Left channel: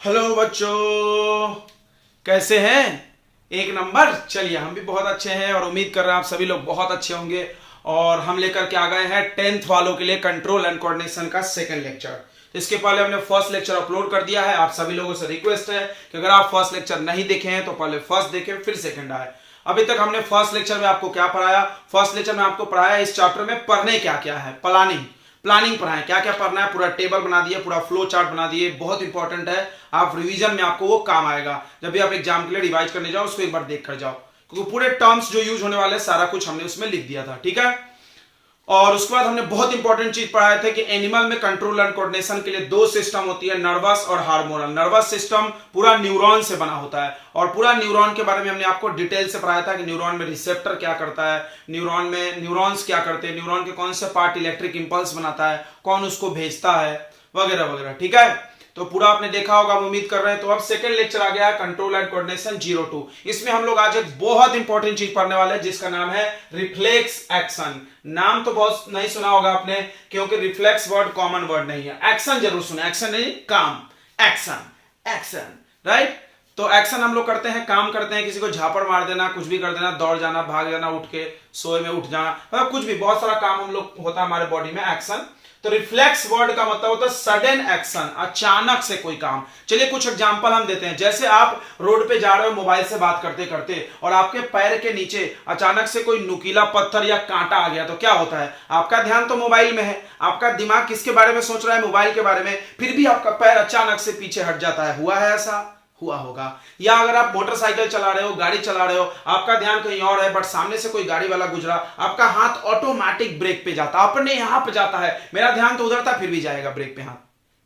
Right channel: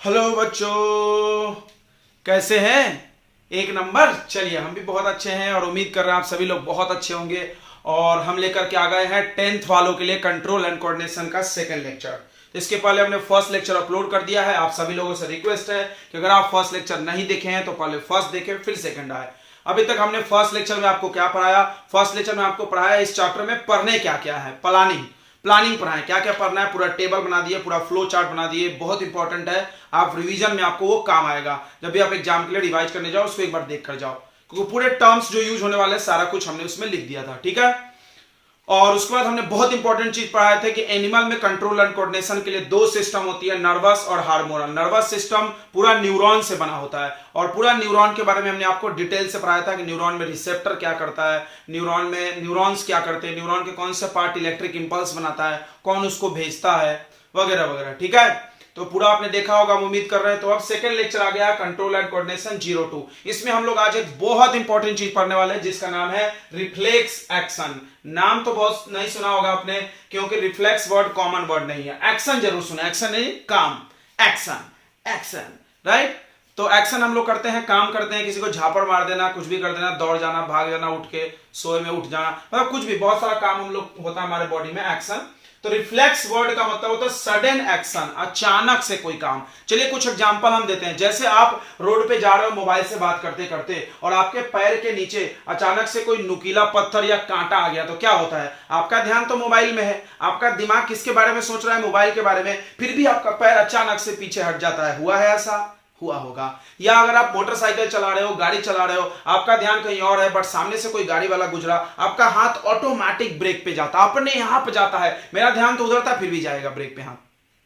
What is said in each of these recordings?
Hello बच्चों, कैसे हैं? एक नंबर। चलिए, हम भी बहुत अच्छे हैं और उम्मीद कर रहे हैं आप सभी लोग बहुत अच्छे होंगे। और हम लेकर के आ गए हैं 10th वालों के लिए कंट्रोल एंड कोऑर्डिनेशन का सेकंड लेक्चर। इसके पहले हमने फर्स्ट लेक्चर अपलोड कर दिया है। आप सभी लोगों से रिक्वेस्ट है कि अगर आप फर्स्ट लेक्चर नहीं देखे हैं तो पहले फर्स्ट देखें फिर सेकंड आए। अभी तक हमने फर्स्ट लेक्चर में आपको क्या पढ़ाया? फर्स्ट लेक्चर में आपको पढ़ाया इस चैप्टर में पढ़ने क्या क्या है, प्लानिंग पढ़ाएं, क्या क्या पढ़ना है, पूरा टेबल बना दिए, पूरा फ्लो चार्ट बना दिए। बहुत इंपॉर्टेंट है, आप रिवीजन में आपको वो काम आएगा। जब भी आप एग्जाम के लिए रिवाइज करने जाओ उसको एक बार देख कर जाओ, क्योंकि पूरे टर्म्स जो यूज होने वाले सारा कुछ हमने उसमें लिख दिया था। ठीक है। और उसके बाद हमने बहुत इंपॉर्टेंट चीज पढ़ाया था कि एनिमल में कंट्रोल एंड कोऑर्डिनेशन के लिए दो सिस्टम होती है, नर्वस और हार्मोनल। नर्वस सिस्टम पूरा न्यूरॉन से बना होता है और पूरा न्यूरॉन के बारे में हमने आपको डिटेल से पढ़ाया था कि न्यूरॉन में रिसेप्टर क्या करता है, न्यूरॉन में न्यूरॉन्स क्या करते हैं, न्यूरॉन के कौन से पार्ट इलेक्ट्रिक इंपल्स बनाता है, कौन उसको भेजता है, वगैरह वगैरह। ठीक है, तो पूरा आपने देखा होगा, हम उम्मीद कर रहे हैं। तो अब सेकंड लेक्चर आ गया है कंट्रोल एंड कोऑर्डिनेशन 02। इसमें हम लोग आज एक बहुत इंपॉर्टेंट चीज पढ़ने वाले हैं जिसका नाम है रिफ्लेक्स एक्शन। नाम तो बहुत नहीं सुना होगा आपने, क्योंकि रिफ्लेक्स वर्ड कॉमन वर्ड नहीं है। एक्शन जरूर सुना, एक्शन नहीं काम, एक्शन एक्शन, राइट। तो एक्शन हम लोग करते हैं, काम करते हैं, किसी को झापड़ मार देना, कुछ भी कर देना, दौड़ जाना, भाग जाना, उठ के सोए में उठ जाना, मतलब कुछ भी, बहुत सारा काम हम लोग होता है हमारे बॉडी में, एक्शन। तो रिफ्लेक्स वर्ड का मतलब होता है सडन एक्शन, अचानक से कोई काम। चलिए कुछ एग्जांपल हम देते हैं। जैसे आप रोड पे जा रहे हो मोबाइल से बात करते करते और आपके पैर के नीचे अचानक से कोई नुकीला पत्थर या कांटा आ गया, तो क्या होता है? आपका ध्यान तो मोबाइल में है, आपका दिमाग किसके बारे में सोच रहा है? मोबाइल के बारे में। फिर भी आपका पैर अचानक से पीछे हट जाता है। हुआ है ऐसा? हुआ होगा। या अगर आप मोटरसाइकिल चला रहे हो, गाड़ी चला रहे हो, आपका ध्यान कहीं और है, बट सामने से कोई गाड़ी वाला गुजरा, आपका हाथ ऑटोमेटिक ब्रेक पे जाता, अपने यहां पे जाता है। मेरा ध्यान तो उधर था फिर भी जाएगा ब्रेक पे हाथ।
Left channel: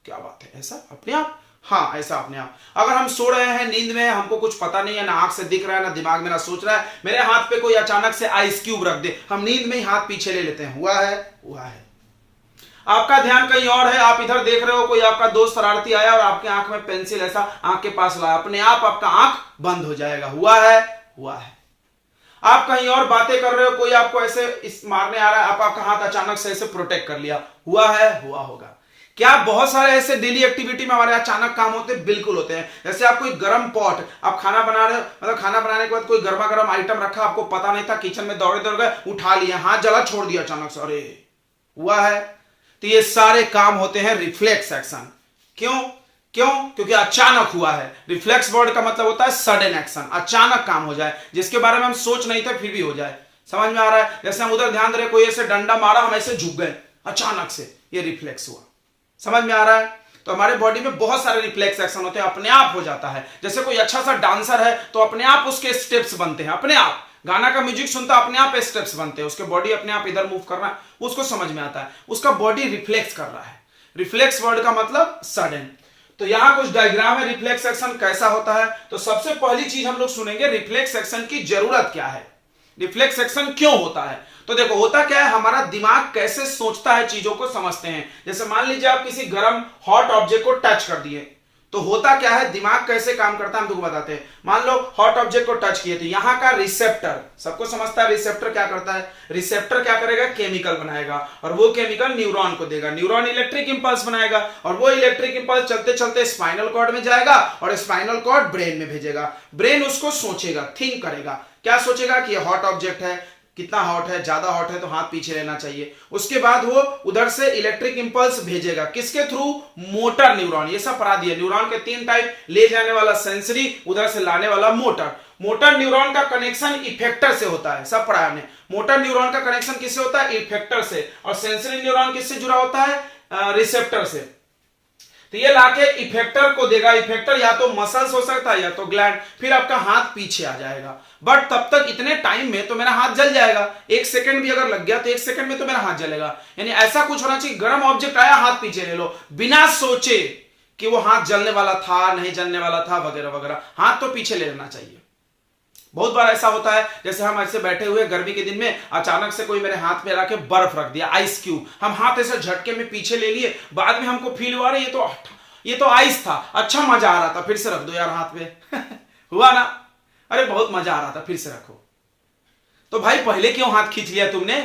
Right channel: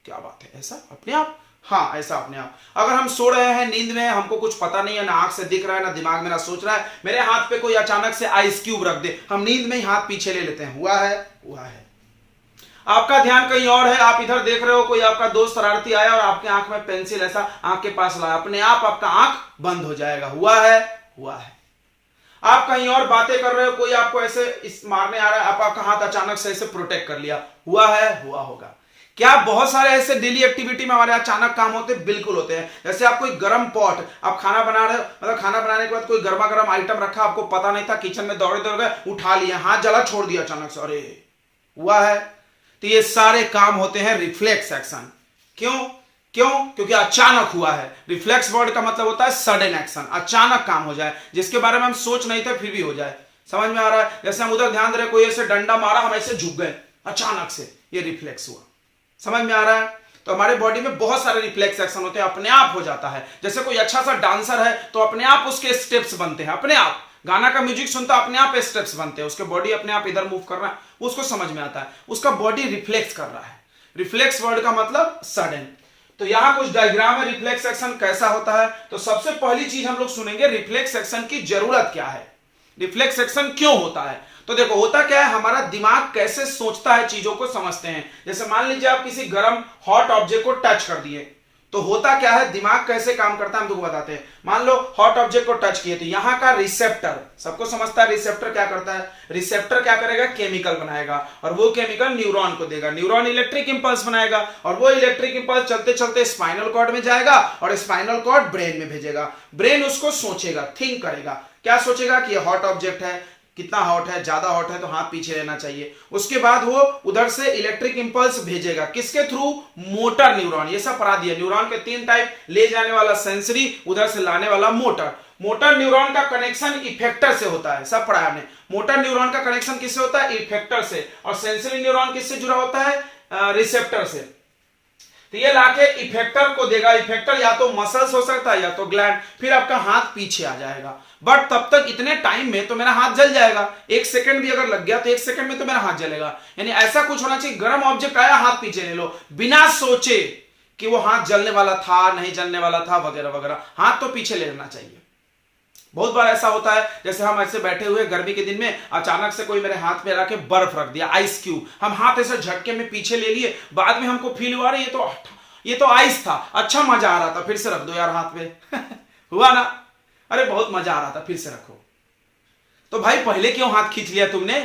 क्या बात है, ऐसा अपने आप? हाँ, ऐसा अपने आप। अगर हम सो रहे हैं, नींद में, हमको कुछ पता नहीं है, ना आंख से दिख रहा है, ना दिमाग में, ना सोच रहा है, मेरे हाथ पे कोई अचानक से आइस क्यूब रख दे, हम नींद में ही हाथ पीछे ले लेते हैं। हुआ है? हुआ है। आपका ध्यान कहीं और है, आप इधर देख रहे हो, कोई आपका दोस्त शरारती आया और आपके आंख में पेंसिल ऐसा आंख के पास लाया, अपने आप आपका आंख बंद हो जाएगा। हुआ है? हुआ है। आप कहीं और बातें कर रहे हो, कोई आपको ऐसे इस मारने आ रहा है, आप आपका हाथ अचानक से ऐसे प्रोटेक्ट कर लिया। हुआ है? हुआ होगा। क्या बहुत सारे ऐसे डेली एक्टिविटी में हमारे अचानक काम होते हैं? बिल्कुल होते हैं। जैसे आप कोई गर्म पॉट, आप खाना बना रहे हो, मतलब खाना बनाने के बाद कोई गर्मा गर्म आइटम रखा, आपको पता नहीं था, किचन में दौड़े दौड़ गए, उठा लिया, हाथ जला, छोड़ दिया अचानक से, अरे। हुआ है? तो ये सारे काम होते हैं रिफ्लेक्स एक्शन। क्यों? क्योंकि अचानक हुआ है। रिफ्लेक्स वर्ड का मतलब होता है सडन एक्शन, अचानक काम हो जाए, जिसके बारे में हम सोच नहीं थे फिर भी हो जाए। समझ में आ रहा है? जैसे हम उधर ध्यान दे रहे, कोई ऐसे डंडा मारा, हम ऐसे झुक गए अचानक से, ये रिफ्लेक्स हुआ। समझ में आ रहा है? तो हमारे बॉडी में बहुत सारे रिफ्लेक्स एक्शन होते हैं, अपने आप हो जाता है। जैसे कोई अच्छा सा डांसर है तो अपने आप उसके स्टेप्स बनते हैं, अपने आप। गाना का म्यूजिक सुनता, अपने आप स्टेप्स बनते हैं, उसके बॉडी अपने आप इधर मूव कर रहा है, उसको समझ में आता है, उसका बॉडी रिफ्लेक्स कर रहा है। रिफ्लेक्स वर्ड का मतलब सडन। तो यहां कुछ डायग्राम है, रिफ्लेक्स एक्शन कैसा होता है। तो सबसे पहली चीज हम लोग सुनेंगे, रिफ्लेक्स एक्शन की जरूरत क्या है, रिफ्लेक्स एक्शन क्यों होता है। तो देखो, होता क्या है, हमारा दिमाग कैसे सोचता है, चीजों को समझते हैं। जैसे मान लीजिए आप किसी गर्म हॉट ऑब्जेक्ट को टच कर दिए, तो होता क्या है, दिमाग कैसे काम करता है हम तुमको बताते हैं। मान लो हॉट ऑब्जेक्ट को टच किए, तो यहां का रिसेप्टर, सबको समझता है रिसेप्टर क्या करता है। रिसेप्टर क्या करेगा, केमिकल बनाएगा, और वो केमिकल न्यूरॉन को देगा, न्यूरॉन इलेक्ट्रिक इंपल्स बनाएगा, और वो इलेक्ट्रिक इंपल्स चलते चलते स्पाइनल कॉर्ड में जाएगा, और स्पाइनल कॉर्ड ब्रेन में भेजेगा। ब्रेन उसको सोचेगा, थिंक करेगा। क्या सोचेगा कि ये हॉट ऑब्जेक्ट है, कितना हॉट है, ज्यादा हॉट है तो हाथ पीछे रहना चाहिए। उसके बाद वो उधर से इलेक्ट्रिक इंपल्स भेजेगा, किसके थ्रू, मोटर न्यूरॉन। ये सब पढ़ा दिया। न्यूरॉन के 3 टाइप, ले जाने वाला सेंसरी, उधर से लाने वाला मोटर। मोटर न्यूरॉन का कनेक्शन इफेक्टर से होता है, सब पढ़ा हमने। मोटर न्यूरॉन का कनेक्शन किससे होता है, इफेक्टर से। और सेंसरी न्यूरॉन किससे जुड़ा होता है, रिसेप्टर से। तो ये लाके इफेक्टर को देगा, इफेक्टर या तो मसल्स हो सकता है या तो ग्लैंड, फिर आपका हाथ पीछे आ जाएगा। बट तब तक इतने टाइम में तो मेरा हाथ जल जाएगा, 1 सेकंड भी अगर लग गया तो 1 सेकंड में तो मेरा हाथ जलेगा। यानी ऐसा कुछ होना चाहिए, गर्म ऑब्जेक्ट आया, हाथ पीछे ले लो, बिना सोचे कि वो हाथ जलने वाला था, नहीं जलने वाला था, वगैरह वगैरह, हाथ तो पीछे ले लेना चाहिए। बहुत बार ऐसा होता है, जैसे हम ऐसे बैठे हुए गर्मी के दिन में, अचानक से कोई मेरे हाथ में लाके बर्फ रख दिया, आइस क्यूब, हम हाथ ऐसे झटके में पीछे ले लिए, बाद में हमको फील हुआ रहा ये तो आइस था, अच्छा मजा आ रहा था, फिर से रख दो यार हाथ में। हुआ ना, अरे बहुत मजा आ रहा था, फिर से रखो। तो भाई पहले क्यों हाथ खींच लिया तुमने?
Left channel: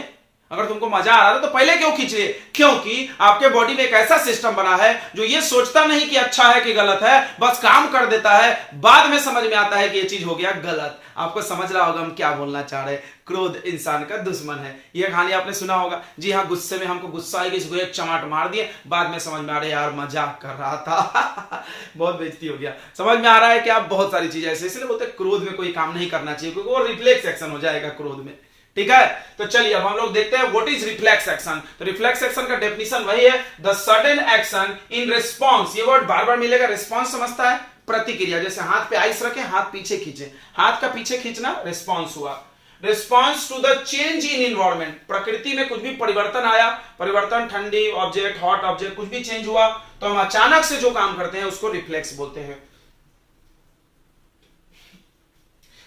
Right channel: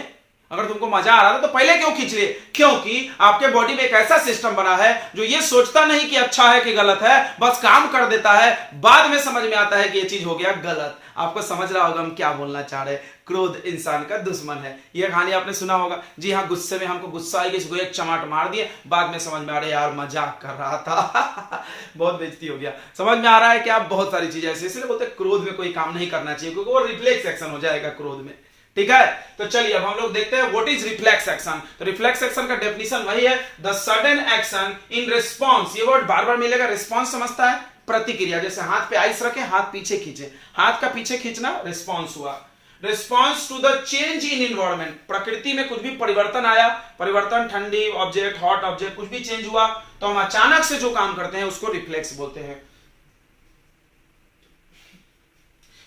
अगर तुमको मजा आ रहा था तो पहले क्यों खींच रहे? क्योंकि आपके बॉडी में एक ऐसा सिस्टम बना है जो ये सोचता नहीं कि अच्छा है कि गलत है, बस काम कर देता है, बाद में समझ में आता है कि ये चीज हो गया गलत। आपको समझ रहा होगा हम क्या बोलना चाह रहे हैं। क्रोध इंसान का दुश्मन है, यह कहानी आपने सुना होगा। जी हाँ, गुस्से में हमको गुस्सा आएगी, इसको एक चमाट मार दिए, बाद में समझ में आ रहा है यार मजाक कर रहा था बहुत बेइज्जती हो गया। समझ में आ रहा है कि आप बहुत सारी चीजें ऐसे, इसलिए बोलते हैं क्रोध में कोई काम नहीं करना चाहिए, क्योंकि वो रिफ्लेक्स एक्शन हो जाएगा क्रोध में। ठीक है, तो चलिए अब हम लोग देखते हैं व्हाट इज रिफ्लेक्स एक्शन। तो रिफ्लेक्स एक्शन का डेफिनेशन वही है, the sudden action in response. ये वर्ड बार बार मिलेगा। रिस्पॉन्स समझता है प्रतिक्रिया, जैसे हाथ पे आइस रखे, हाथ पीछे खींचे, हाथ का पीछे खींचना रिस्पॉन्स हुआ। Response to the change in environment, प्रकृति में कुछ भी परिवर्तन आया, परिवर्तन, ठंडी ऑब्जेक्ट, हॉट ऑब्जेक्ट, कुछ भी चेंज हुआ तो हम अचानक से जो काम करते हैं उसको रिफ्लेक्स बोलते हैं।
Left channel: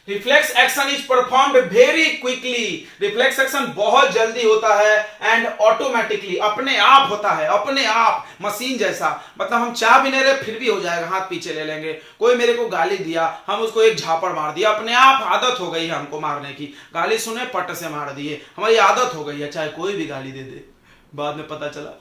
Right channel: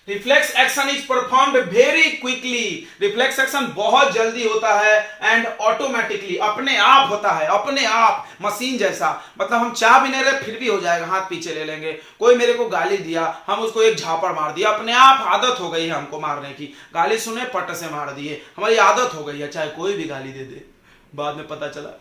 Reflex action is performed very quickly. Reflex action बहुत जल्दी होता है एंड ऑटोमेटिकली, अपने आप होता है, अपने आप, मशीन जैसा। मतलब हम चाह भी नहीं रहे फिर भी हो जाएगा, हाथ पीछे ले लेंगे। कोई मेरे को गाली दिया, हम उसको एक झापड़ मार दिया, अपने आप आदत हो गई है हमको मारने की। गाली सुने पट से मार दिए, हमारी आदत हो गई है, चाहे कोई भी गाली दे दे। बाद में पता चला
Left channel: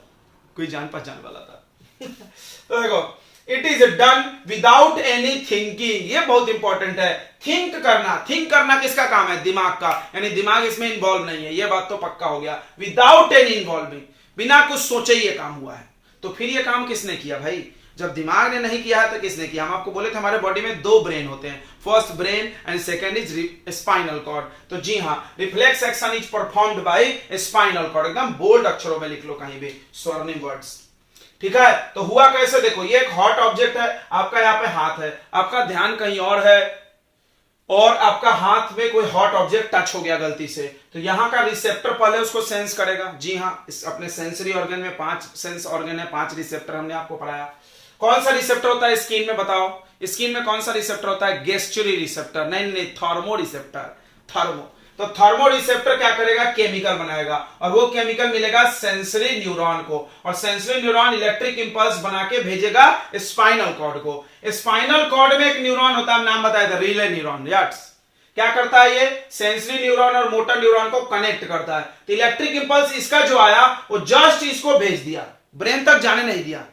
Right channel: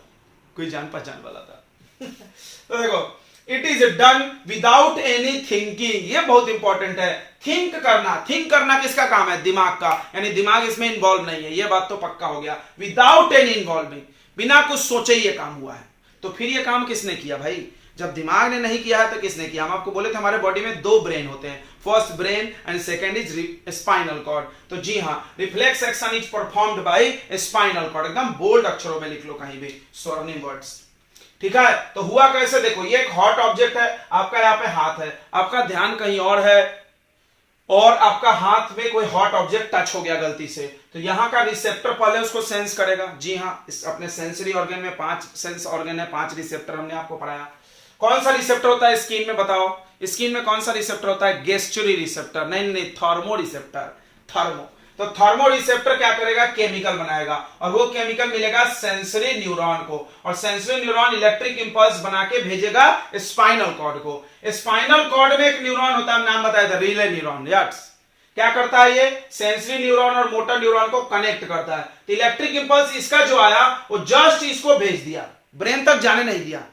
कोई जान पहचान वाला था तो देखो, it is done without any thinking. ये बहुत इंपॉर्टेंट है, थिंक करना। थिंक करना किसका काम है? दिमाग का, यानी दिमाग इसमें इन्वॉल्व नहीं है, ये बात तो पक्का हो गया। विदाउट एनी इन्वॉल्विंग, बिना कुछ सोचे ये काम हुआ है। तो फिर ये काम किसने किया भाई? जब दिमाग ने नहीं किया है तो किसने किया? हम आपको बोले थे हमारे बॉडी में दो ब्रेन होते हैं, first brain and second is spinal cord. तो जी हाँ, reflex action is performed by spinal cord. एकदम बोल्ड अक्षरों में लिख लो कहीं भी, स्वर्णिम वर्ड्स। ठीक है, तो हुआ कैसे? देखो, ये एक हॉट ऑब्जेक्ट है, आपका यहाँ पे हाथ है, आपका ध्यान कहीं और है, और आपका हाथ में कोई हॉट ऑब्जेक्ट टच हो गया गलती से, तो यहां का रिसेप्टर पहले उसको सेंस करेगा। जी हाँ, इस अपने सेंसरी ऑर्गन में 5 सेंस ऑर्गन है, 5 रिसेप्टर हमने आपको पढ़ाया। कौन सा रिसेप्टर होता है स्किन में? बताओ, स्किन में कौन सा रिसेप्टर होता है? गेस्चुरी रिसेप्टर, नहीं, थर्मो रिसेप्टर, थर्मो। तो थर्मो रिसेप्टर क्या करेगा? केमिकल बनाएगा, और वो केमिकल मिलेगा सेंसरी न्यूरॉन को, और सेंसरी न्यूरॉन इलेक्ट्रिक इंपल्स बना के भेजेगा स्पाइनल कॉर्ड को। स्पाइनल कॉर्ड में एक न्यूरॉन होता है, नाम बताया था, रिले न्यूरॉन। यस, क्या करता है ये? सेंसरी न्यूरॉन और मोटर न्यूरॉन को कनेक्ट करता है। तो इलेक्ट्रिक इंपल्स इसका जो आया वो जस्ट इसको भेज दिया, ब्रेन तक जाने नहीं दिया।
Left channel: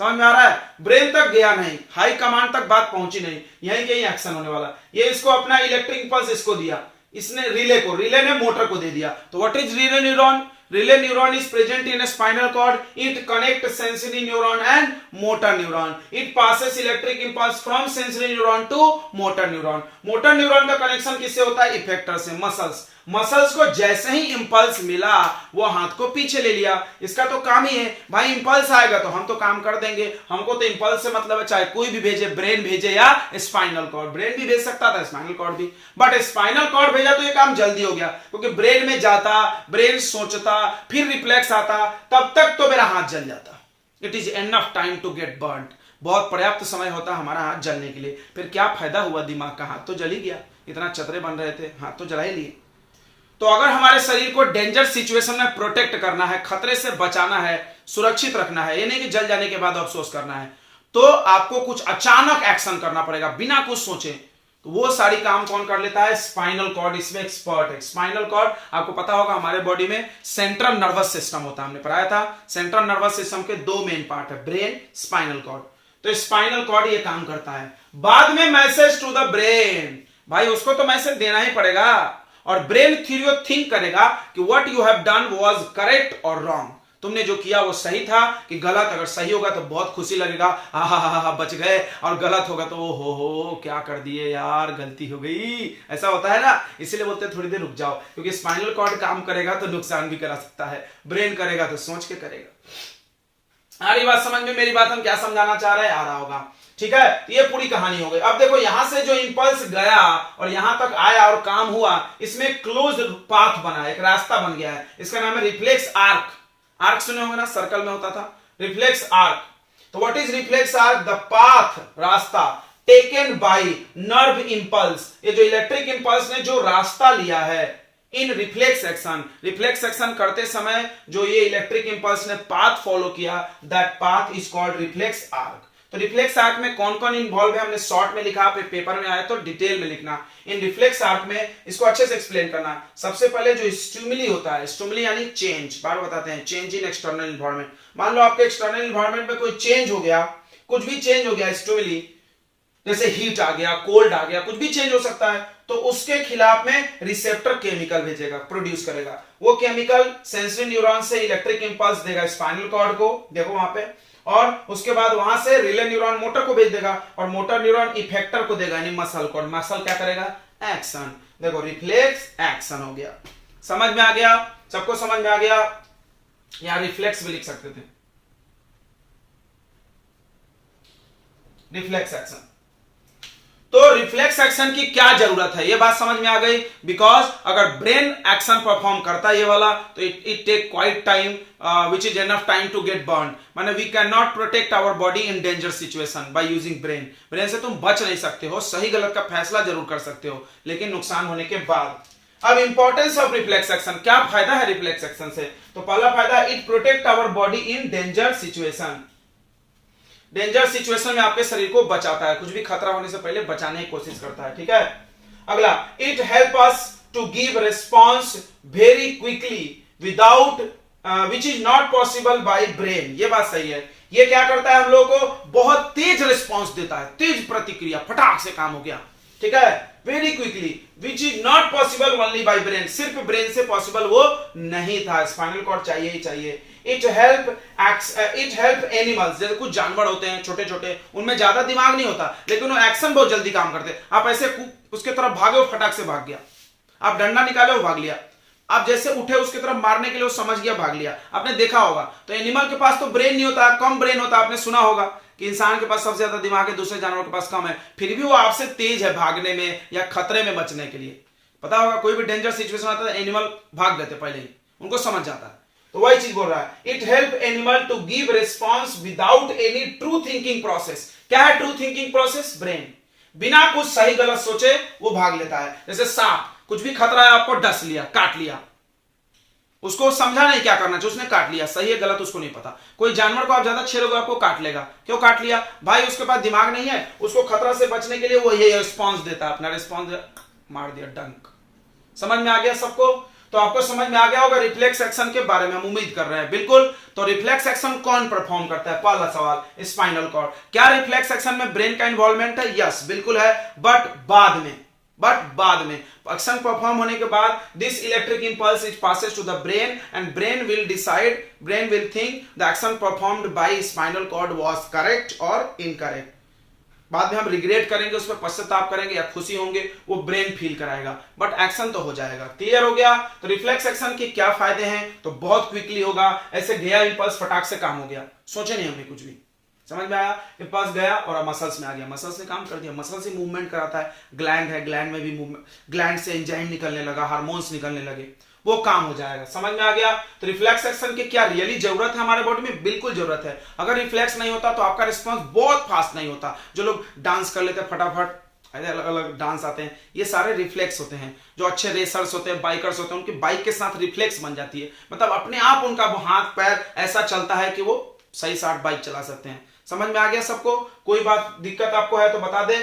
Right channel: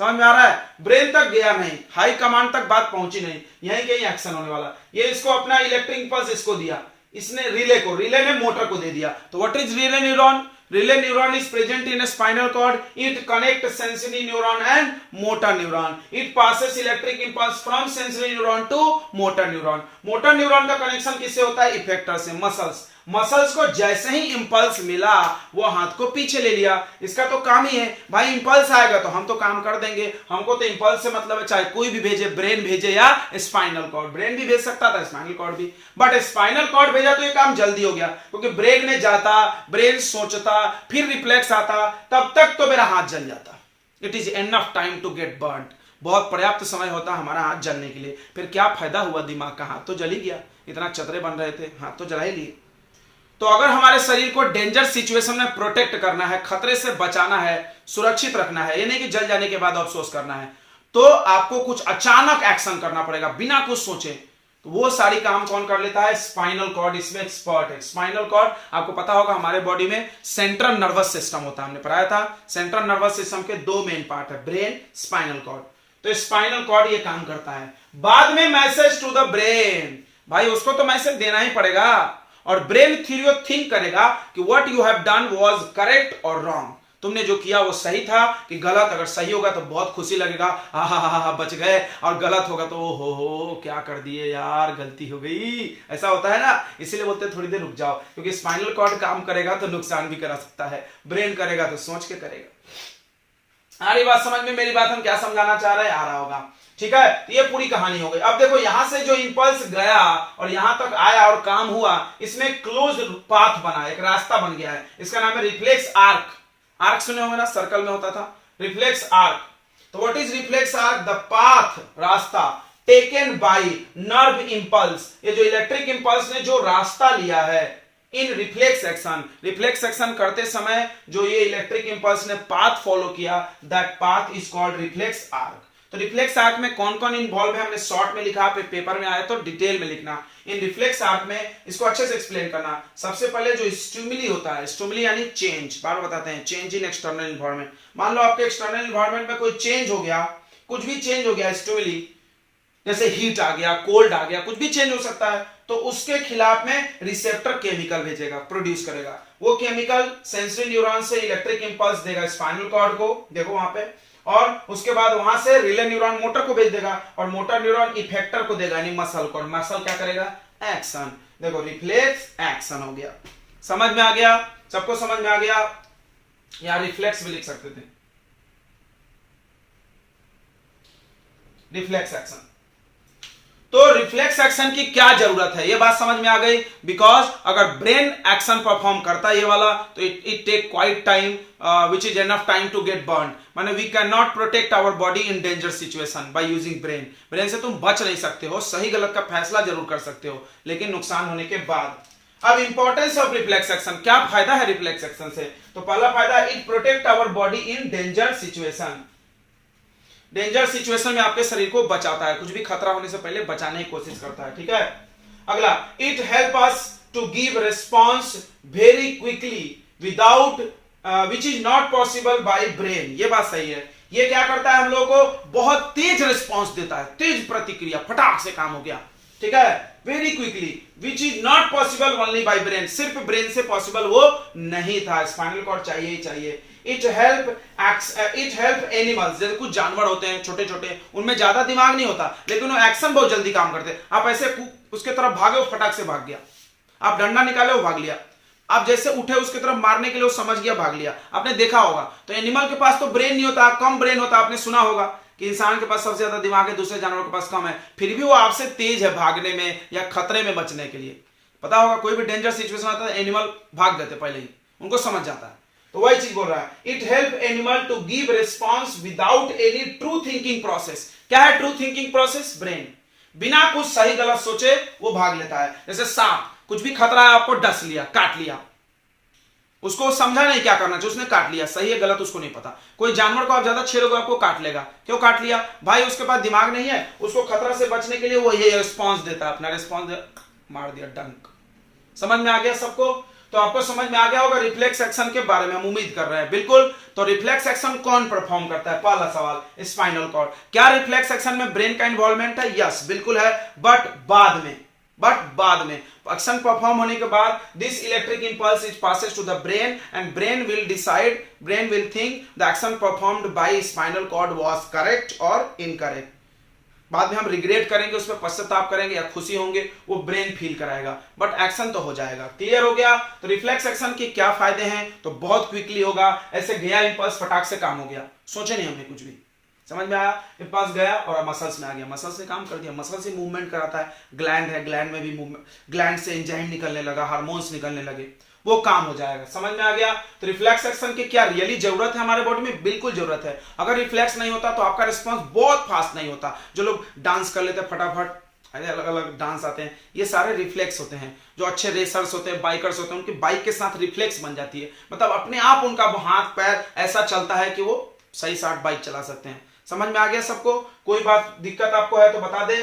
समझ में आ रहा है? ब्रेन तक गया नहीं, हाई कमांड तक बात पहुंची नहीं, यहीं कहीं एक्शन होने वाला। ये इसको अपना इलेक्ट्रिक इंपल्स इसको दिया, इसने रिले को, रिले ने मोटर को दे दिया। तो what is relay neuron? Relay neuron is present in a spinal cord. It connects sensory neuron and motor neuron. It passes electric impulse from sensory neuron to motor neuron. Motor neuron का connection किससे होता है? Effector से, muscles. Muscles को जैसे ही impulse मिला वो हाथ को पीछे ले लिया। इसका तो काम ही है भाई, इंपल्स आएगा तो हम तो काम कर देंगे, हमको तो इंपल्स से मतलब है, चाहे कोई भी भेजे, ब्रेन भेजे या स्पाइनल कॉर्ड। ब्रेन भी भेज सकता था, स्पाइनल कॉर्ड भी, बट स्पाइनल कॉर्ड भेजा तो ये काम जल्दी हो गया, क्योंकि ब्रेन में जाता, ब्रेन सोचता, फिर रिफ्लेक्स आता, तब तक तो मेरा हाथ जल जाता। It is enough time to get burn. बहुत पर्याप्त समय होता हमारा हाथ जलने के लिए। फिर क्या फायदा हुआ? दिमाग का, हाथ तो जल ही गया, इतना चतरे बन रहे थे, हाथ तो जला ही लिए। तो अगर हमारे शरीर को डेंजर सिचुएशन में प्रोटेक्ट करना है, खतरे से बचाना है, सुरक्षित रखना है, ये नहीं कि जल जाने के बाद अफसोस करना है, तो आपको कुछ अचानक एक्शन करना पड़ेगा बिना कुछ सोचे। तो वो सारी काम कौन कर लेता है? स्पाइनल कॉर्ड इसमें एक्सपर्ट है। स्पाइनल कॉर्ड आपको पता होगा हमारे बॉडी में सेंट्रल नर्वस सिस्टम होता है, हमने पढ़ाया था। सेंट्रल नर्वस सिस्टम के 2 मेन पार्ट है, ब्रेन, स्पाइनल कॉर्ड। तो स्पाइनल कॉर्ड ये काम करता है। बाद में मैसेज टू द ब्रेन, भाई उसको तो मैसेज देना ही पड़ेगा, और ब्रेन थिंक करेगा कि what you have done was correct और रॉन्ग। तुमने जो किया वो सही था कि गलत। अगर सही होगा तो बहुत खुशी लगेगा, हा बच गए, और गलत होगा तो हो क्या कर दिए यार, गलती हो गई, ऐसा होता है ना। इसीलिए बोलते हैं थोड़ी देर रुक जाओ, क्योंकि स्पाइनल कॉर्ड काम करेगा तो नुकसान भी करा सकता है, ब्रेन करेगा तो सोच के करेगा। आ रही बात समझ में? मेरी बात हम क्या समझाना चाह रहे हैं, आ रहा होगा। ठीक है, तो ये पूरी कहानी हो गई। अब देखो, यहां से जो इंपल्स गया और यहां तक आया और काम हुआ, इसमें क्लोज्ड पाथ बना, एक रास्ता बन गया है, इसका नाम है रिफ्लेक्स आर्क। आर्क सुने होंगे ना, सर्कल में होता था, रिफ्लेक्स आर्क। तो what is reflex arc? The path, रास्ता, टेकन बाय नर्व इंपल्स। ये जो इलेक्ट्रिक इंपल्स ने जो रास्ता लिया है इन रिफ्लेक्स एक्शन, रिफ्लेक्स एक्शन करते समय जो ये इलेक्ट्रिक इंपल्स ने पाथ फॉलो किया, that path is called reflex arc. तो रिफ्लेक्स आर्क में कौन कौन इन्वॉल्व है हमने शॉर्ट में लिखा, पेपर में आया तो डिटेल में लिखना। इन रिफ्लेक्स आर्क में इसको अच्छे से एक्सप्लेन करना। सबसे पहले जो स्टिमुली होता है, स्टिमुली यानी चेंज, बार बताते हैं, चेंज इन एक्सटर्नल इन्वायरमेंट। मान लो आपके एक्सटर्नल इन्वायरमेंट में कोई चेंज हो गया, कुछ भी चेंज हो गया, स्टिमुली जैसे हीट आ गया, कोल्ड आ गया, कुछ भी चेंज हो सकता है, तो उसके खिलाफ में रिसेप्टर केमिकल भेजेगा, प्रोड्यूस करेगा। वो केमिकल सेंसरी न्यूरॉन से इलेक्ट्रिक इंपल्स देगा स्पाइनल कॉर्ड को, देखो वहां पे, और उसके बाद वहां से रिले न्यूरॉन मोटर को भेज देगा, और मोटर न्यूरॉन इफेक्टर को देगा यानी मसल को, मसल क्या करेगा, एक्शन। देखो रिफ्लेक्स एक्शन हो गया। समझ में आ गया? सबको समझ में आ गया? यहां रिफ्लेक्स भी लिख सकते थे, रिफ्लेक्स एक्शन। तो रिफ्लेक्स एक्शन की क्या जरूरत है, ये बात समझ में आ गई। बिकॉज अगर ब्रेन एक्शन परफॉर्म करता है ये वाला, तो it take quite time which is enough time to get burn. माने we can not protect our body in danger situation by using brain. Brain से तुम बच नहीं सकते हो, सही गलत का फैसला जरूर कर सकते हो, लेकिन नुकसान होने के बाद। अब इंपॉर्टेंस ऑफ रिफ्लेक्स एक्शन, क्या फायदा है रिफ्लेक्स एक्शन से? तो पहला फायदा, it protect our body in danger situation. Danger situation में आपके शरीर को बचाता है, कुछ भी खतरा होने से पहले बचाने की कोशिश करता है, ठीक है। अगला, it help us to give response very quickly without which is not possible by brain. ये बात सही है। ये क्या करता है, हम लोगों को बहुत तेज रिस्पॉन्स देता है, तेज प्रतिक्रिया, फटाक से काम हो गया, ठीक है, very quickly, which is not possible only by brain. सिर्फ ब्रेन से पॉसिबल वो नहीं था, स्पाइनल कॉर्ड चाहिए ही चाहिए। इट हेल्प एनिमल्स, जैसे कुछ जानवर होते हैं छोटे छोटे, उनमें ज्यादा दिमाग नहीं होता, लेकिन वो एक्शन बहुत जल्दी काम करते हैं। आप ऐसे उसके तरफ भागे, वो फटाक से भाग गया। आप डंडा निकाले, वो भाग लिया। आप जैसे उठे उसके तरफ मारने के लिए, वो समझ गया, भाग लिया। आपने देखा होगा। तो एनिमल के पास तो ब्रेन नहीं होता, कम ब्रेन होता। आपने सुना होगा कि इंसान के पास सबसे ज्यादा दिमाग है, दूसरे जानवरों के पास कम है, फिर भी वो आपसे तेज है भागने में या खतरे में बचने के लिए। पता होगा, कोई भी डेंजर सिचुएशन आता है, एनिमल भाग देते पहले ही, उनको समझ जाता है। तो वही चीज बोल रहा है, it help animal to give response without any true thinking process. क्या है ट्रू थिंकिंग प्रोसेस? ब्रेन बिना कुछ सही गलत सोचे वो भाग लेता है। जैसे सांप, कुछ भी खतरा है, आपको डस लिया, काट लिया, उसको समझा नहीं क्या करना चाहिए, उसने काट लिया, सही है गलत उसको नहीं पता। कोई जानवर को आप ज्यादा छेड़ोगे, आपको काट लेगा। क्यों काट लिया भाई? उसके पास दिमाग नहीं है, उसको खतरा से बचने के लिए वो ये रिस्पॉन्स देता है, अपना रिस्पॉन्स मार दिया, डंक। समझ में आ गया सबको? तो आपको समझ में आ गया होगा रिफ्लेक्स एक्शन के बारे में, हम उम्मीद कर रहे हैं। बिल्कुल। तो रिफ्लेक्स एक्शन कौन परफॉर्म करता है? पहला सवाल, स्पाइनल कॉर्ड। क्या रिफ्लेक्स एक्शन में ब्रेन का इन्वॉल्वमेंट है? यस, बिल्कुल है, बट बाद में एक्शन परफॉर्म होने के बाद this electric impulse is passes to the brain and brain will think the action performed by spinal cord was correct और इनकरेक्ट। बाद में हम रिग्रेट करेंगे, उस पर पश्चाताप करेंगे या खुशी होंगे, वो ब्रेन फील कराएगा, बट एक्शन तो हो जाएगा। क्लियर हो गया? तो रिफ्लेक्स एक्शन के क्या फायदे हैं? तो बहुत क्विकली होगा, ऐसे गया इंपल्स, फटाक से काम हो गया, सोचे नहीं हमने कुछ भी। समझ में आया? इंपल्स गया और मसल्स में आ गया, मसल से काम कर दिया, मसल से मूवमेंट कराता है। ग्लैंड है, ग्लैंड में भी मूवमेंट, ग्लैंड से एंजाइम निकलने लगा, हार्मोन्स निकलने लगे, वो काम हो जाएगा। समझ में आ गया? तो रिफ्लेक्स एक्शन की क्या रियली जरूरत है हमारे बॉडी में? बिल्कुल जरूरत है। अगर रिफ्लेक्स नहीं होता तो आपका रिस्पॉन्स बहुत फास्ट नहीं होता। जो लोग डांस कर लेते हैं फटाफट, अलग अलग डांस आते हैं, ये सारे रिफ्लेक्स होते हैं। जो अच्छे रेसर्स होते हैं, बाइकर्स होते हैं, उनकी बाइक के साथ रिफ्लेक्स बन जाती है, मतलब अपने आप उनका हाथ पैर ऐसा चलता है कि वो सही साथ बाइक चला सकते हैं। समझ में आ गया सबको? कोई बात दिक्कत आपको है तो बता दे,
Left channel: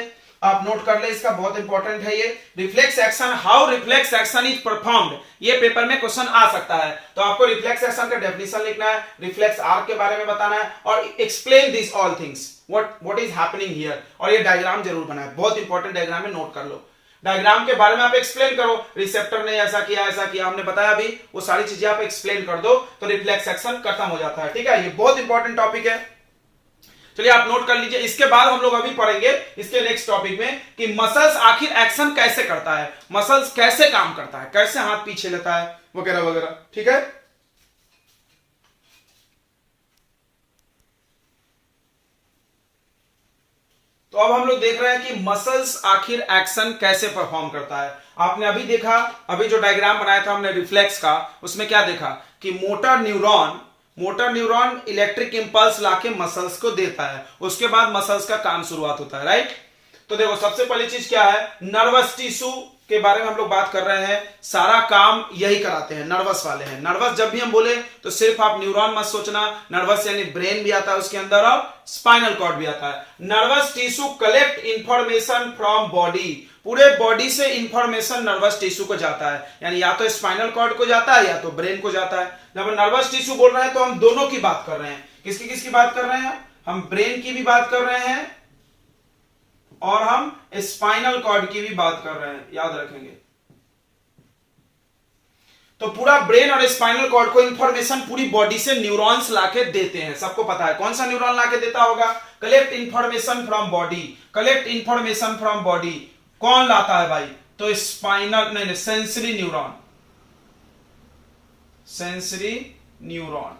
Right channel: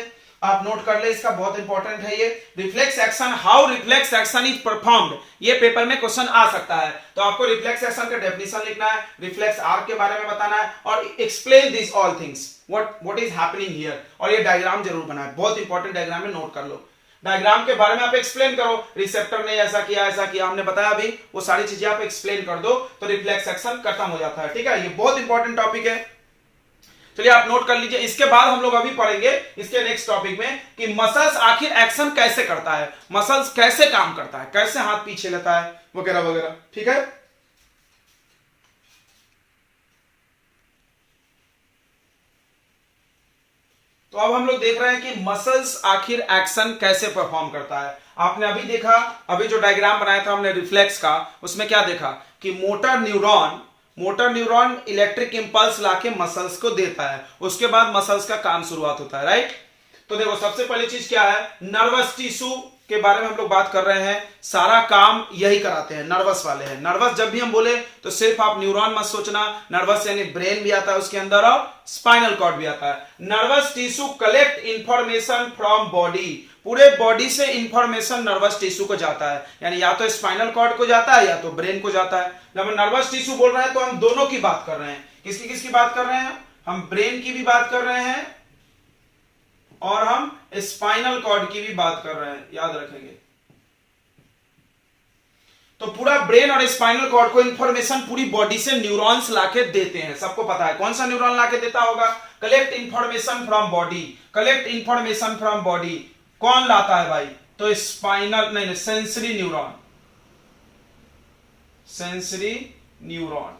आप नोट कर ले, इसका बहुत इंपॉर्टेंट है ये। Reflex action, how reflex action is performed, ये पेपर में क्वेश्चन आ सकता है। तो आपको रिफ्लेक्स एक्शन का डेफिनेशन लिखना है, रिफ्लेक्स आर्क के बारे में बताना है, और explain this all things, what is happening here. और ये डायग्राम जरूर बनाए, बहुत इंपॉर्टेंट डायग्राम है, नोट कर लो। डायग्राम के बारे में आप एक्सप्लेन करो, रिसेप्टर ने ऐसा किया, हमने बताया अभी, वो सारी चीजें आप एक्सप्लेन कर दो, तो रिफ्लेक्स एक्शन खत्म हो जाता है। ठीक है, ये बहुत इंपॉर्टेंट टॉपिक है, चलिए आप नोट कर लीजिए। इसके बाद हम लोग अभी पढ़ेंगे इसके नेक्स्ट टॉपिक में कि मसल्स आखिर एक्शन कैसे करता है, मसल्स कैसे काम करता है, कैसे हाथ पीछे लेता है, वगैरह वगैरह। ठीक है, तो अब हम लोग देख रहे हैं कि मसल्स आखिर एक्शन कैसे परफॉर्म करता है। आपने अभी देखा, अभी जो डायग्राम बनाया था हमने रिफ्लेक्स का, उसमें क्या देखा कि मोटर न्यूरॉन इलेक्ट्रिक इंपल्स लाके मसल्स को देता है, उसके बाद मसल्स का काम शुरुआत होता है, राइट। तो देखो सबसे पहली चीज क्या है, नर्वस टिश्यू के बारे में हम लोग बात कर रहे हैं। सारा काम यही कराते हैं, नर्वस वाले हैं। नर्वस जब भी हम बोले तो सिर्फ आप न्यूरॉन मत सोचना, नर्वस यानी ब्रेन भी आता है उसके अंदर और स्पाइनल कॉर्ड भी आता है। Nervous tissue collect information from body, पूरे बॉडी से इंफॉर्मेशन नर्वस टिश्यू को जाता है, यानी या तो स्पाइनल कॉर्ड को जाता है या तो ब्रेन को जाता है। जब हम नर्वस टिश्यू बोल रहे हैं तो हम दोनों की बात कर रहे हैं। किसकी किसकी बात कर रहे हैं? हम ब्रेन की भी बात कर रहे हैं और हम स्पाइनल कॉर्ड की भी बात कर रहे हैं, याद रखेंगे। तो पूरा ब्रेन और स्पाइनल कॉर्ड को इंफॉर्मेशन पूरी बॉडी से न्यूरॉन्स लाके देते हैं। सबको पता है कौन सा न्यूरॉन लाके देता होगा? Collect information from body, collect information from body. कौन लाता है भाई? तो स्पाइनल नहीं, sensory neuron, sensory neuron,